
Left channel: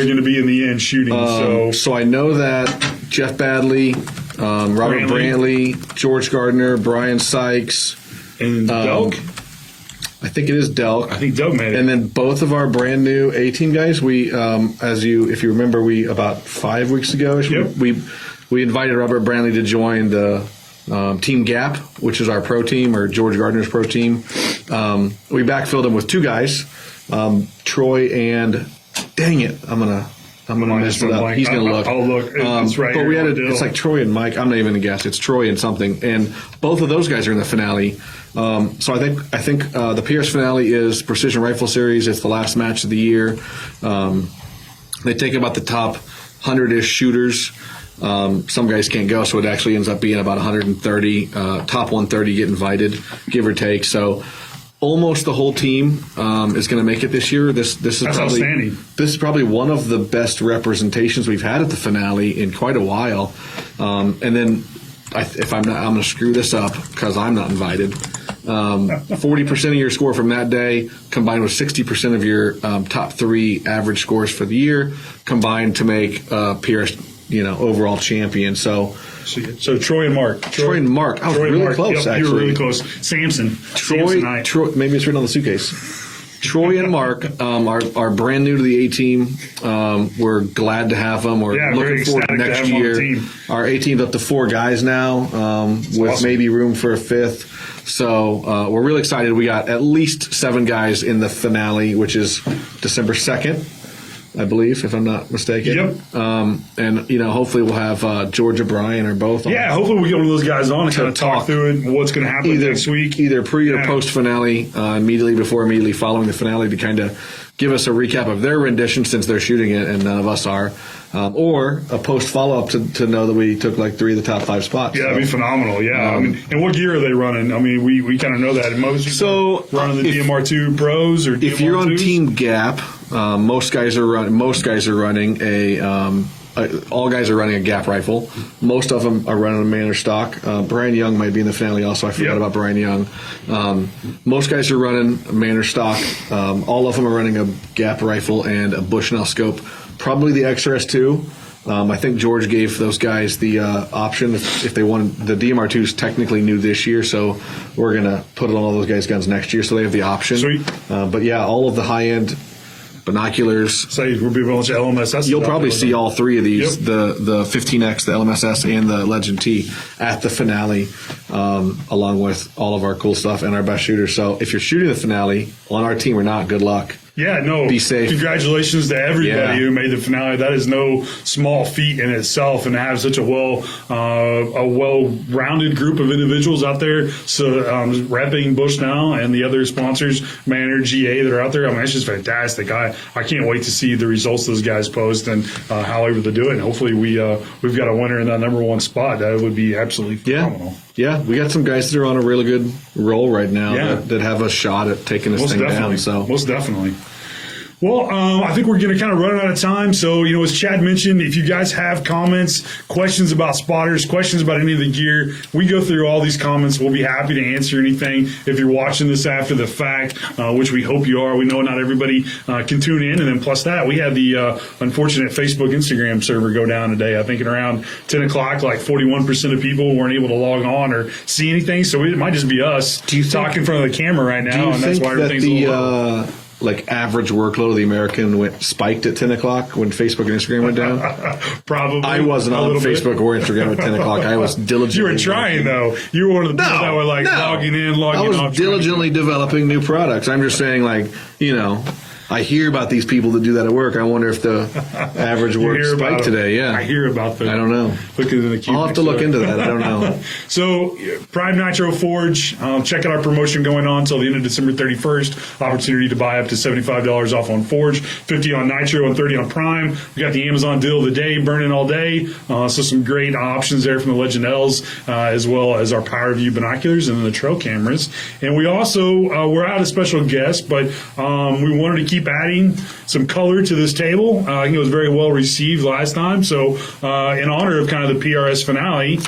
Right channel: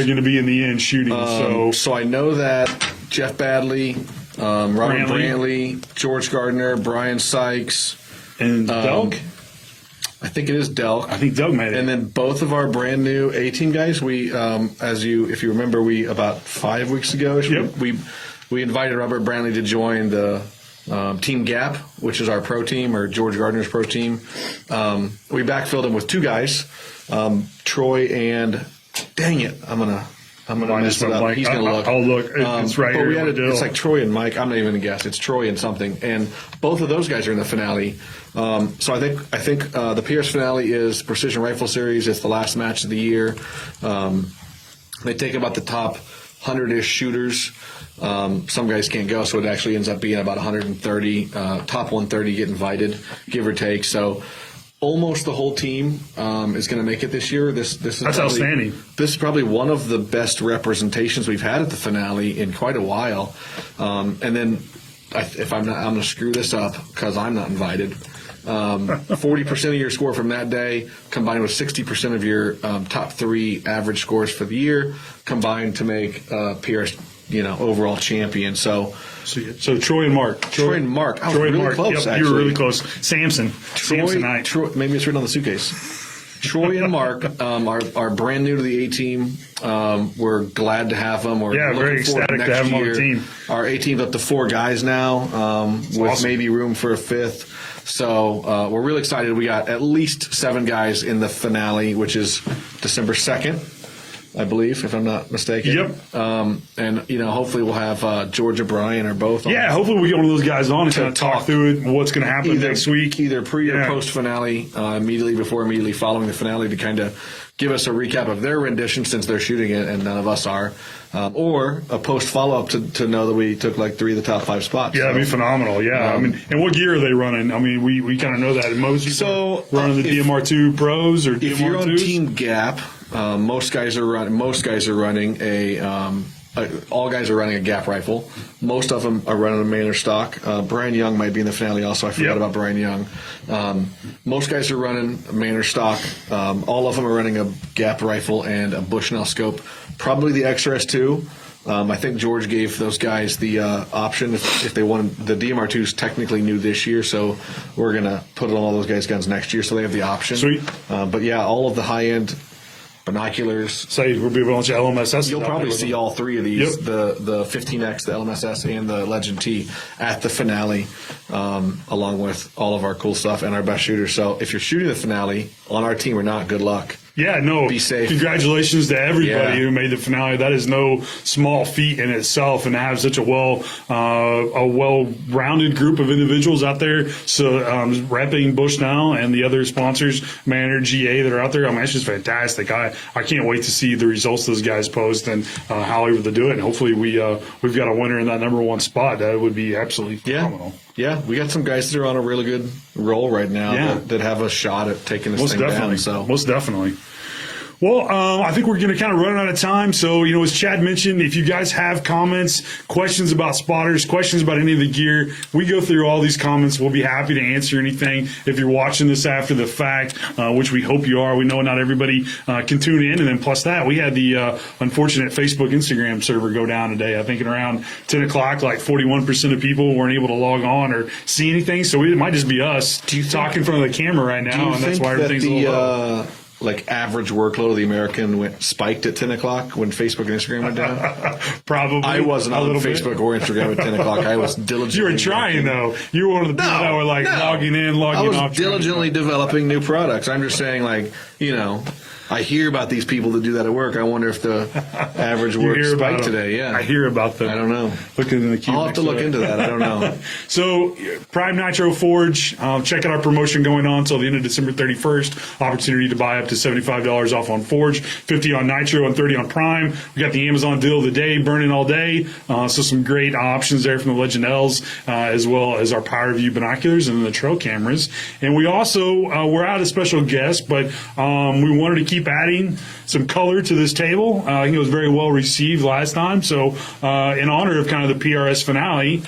going to be in the end shooting. So I know that Jeff Badley, Robert Brantley, George Gardner, Brian Sykes, and Delk. I think it is Delk. I think Delk made it. And then both of our brand new A-team guys, we, if you remember, about 5 weeks ago, we invited Robert Brantley to join the Team Gap, which is our pro team, or George Gardner's pro team. We backfilled him with 2 guys, Troy and, dang it, I'm gonna mess it up. He's gonna look. I'll look. It's right but here. it's like Troy and Mike. I'm not even gonna guess. It's Troy and something, and both of those guys are in the finale. So I think the PS finale is Precision Rifle Series. It's the last match of the year. They take about the top 100-ish shooters. Some guys can't go, so it actually ends up being about 130. Top 130 get invited, give or take. So almost the whole team is going to make it this year. This is probably one of the best representations we've had at the finale in quite a while. And then I'm going to screw this up because I'm not invited. 40% of your score from that day combined with 60% of your top 3 average scores for the year combined to make PRS overall champion. So So Troy and Mark. Troy and Mark. I was really close, yep, actually. You were really close. Samson. Troy, maybe it's written on the suitcase. Troy and Mark are brand new to the A team. We're glad to have them. We're looking forward to next year. Our A team's up to 4 guys now, with awesome. Maybe room for a 5th. So we're really excited. We got at least 7 guys in the finale, which is December 2nd. I believe, if I'm not mistaken. Yep. And, hopefully we'll have George or Brian or both. Yeah, hopefully we'll get one of those guys on and kind of talk through it, what's going to happen next week. Either pre or post finale, immediately following the finale, to kind of give us a recap of their rendition, since they're shooting it and none of us are. Or a post follow-up to know that we took like 3 of the top 5 spots. Yeah, that'd be phenomenal. Yeah, and what gear are they running? I mean, we kind of know that. Most running the DMR2 Pros or DMR2s? If you're on Team Gap, most guys are running a. All guys are running a Gap rifle. Most of them are running a Manor stock. Brian Young might be in the finale also. I forgot about Brian Young. Most guys are running a Manor stock. All of them are running a Gap rifle and a Bushnell scope. Probably the XRS2. I think George gave those guys the option if they want. The DMR2 is technically new this year, so we're going to put it on all those guys' guns next year, so they have the option. Sweet. But yeah, all of the high-end binoculars. So you'll be able to LMSS. You'll probably see all 3 of these, the 15X, the LMSS, and the Legend T at the finale, along with all of our cool stuff and our best shooters. So if you're shooting the finale on our team or not, good luck. Yeah, no. Be safe. Congratulations to everybody who made the finale. That is no small feat in itself, and to have such a well-rounded group of individuals out there. So repping Bushnell and the other sponsors, Manor, GA, that are out there. I mean, it's just fantastic. I can't wait to see the results those guys post and how they do it. And hopefully we've got a winner in that number 1 spot. That would be absolutely phenomenal. Yeah, we got some guys that are on a really good roll right now that have a shot at taking this thing down. So most definitely. Well, I think we're going to kind of run out of time. So, as Chad mentioned, if you guys have comments, questions about spotters, questions about any of the gear, we go through all these comments. We'll be happy to answer anything. If you're watching this after the fact, which we hope you are, we know not everybody can tune in. And then plus that, we had the unfortunate Facebook, Instagram server go down today. I think at around 10 o'clock, like 41% of people weren't able to log on or see anything. So it might just be us talking in front of the camera right now. Do you think that average workload of the American spiked at 10 o'clock when Facebook and Instagram went down? Probably. I wasn't on Facebook or Instagram at 10 o'clock. I was diligently. You were trying, though. You were one of the people that were logging in, logging off. I was diligently developing new products. I'm just saying, I hear about these people that do that at work. I wonder if the average work spiked today. Yeah, I hear about them. I don't know. I'll have to look into that. I don't know. So, Prime Nitro Forge, check out our promotion going on until the end of December 31st. Opportunity to buy up to $75 off on Forge, $50 on Nitro, and $30 on Prime. We got the Amazon deal of the day, burning all day. So some great options there from the Legend L's, as well as our Power View binoculars and then the trail cameras. And we also we're out a special guest, but we wanted to keep adding some color to this table. I think it was very well received last time. So in honor of kind of the PRS finale,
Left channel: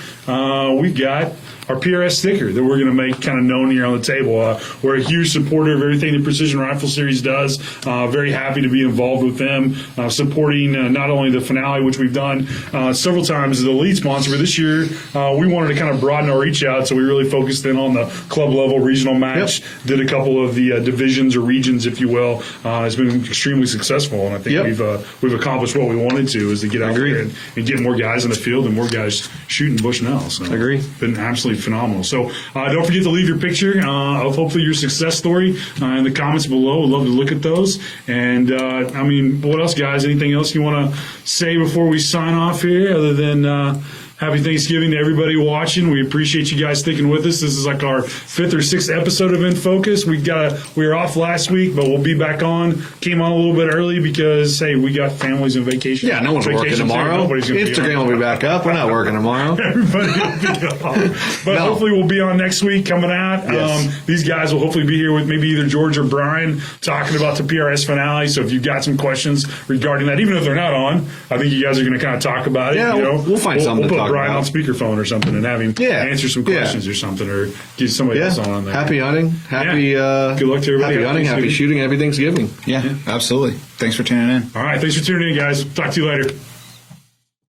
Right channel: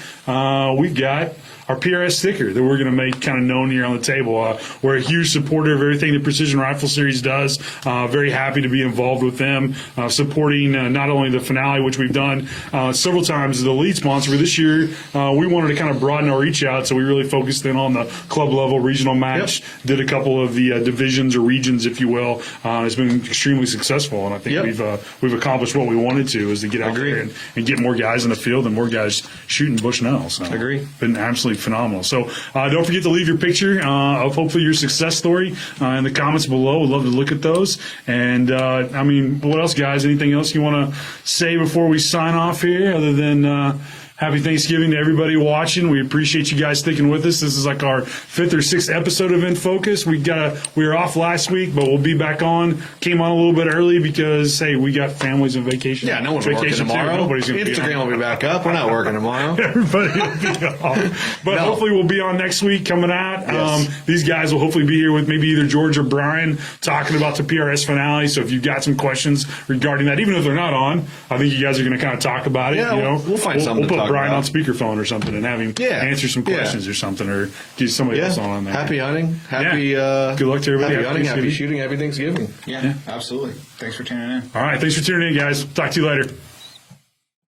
we've got our PRS sticker that we're going to make kind of known here on the table. We're a huge supporter of everything the Precision Rifle Series does. Very happy to be involved with them, supporting not only the finale, which we've done several times as the lead sponsor, but this year we wanted to kind of broaden our reach out, so we really focused in on the club level regional match, did a couple of the divisions or regions, if you will. It's been extremely successful, and I think we've accomplished what we wanted to, is to get out there and get more guys in the field and more guys shooting Bushnell. So been absolutely phenomenal. So don't forget to leave your picture of hopefully your success story in the comments below. We'd love to look at those. And what else, guys? Anything else you want to say before we sign off here, other than happy Thanksgiving to everybody watching. We appreciate you guys sticking with us. This is like our 5th or 6th episode of In Focus. We were off last week, but we'll be back on. Came on a little bit early because, hey, we got families on vacation. Yeah, no one's working tomorrow. Instagram will be back up. We're not working tomorrow. Everybody will be off. But hopefully we'll be on next week coming out. Yes. These guys will hopefully be here with maybe either George or Brian talking about the PRS finale. So if you've got some questions regarding that, even if they're not on, I think you guys are going to kind of talk about it. Yeah, we'll find something to talk Brian about. on speakerphone or something and have him answer some questions or something, or get somebody else on there. Happy hunting. Good luck to everybody. Happy hunting. Happy shooting. Happy Thanksgiving. Yeah, absolutely. Thanks for tuning in. All right. Thanks for tuning in, guys. Talk to you later.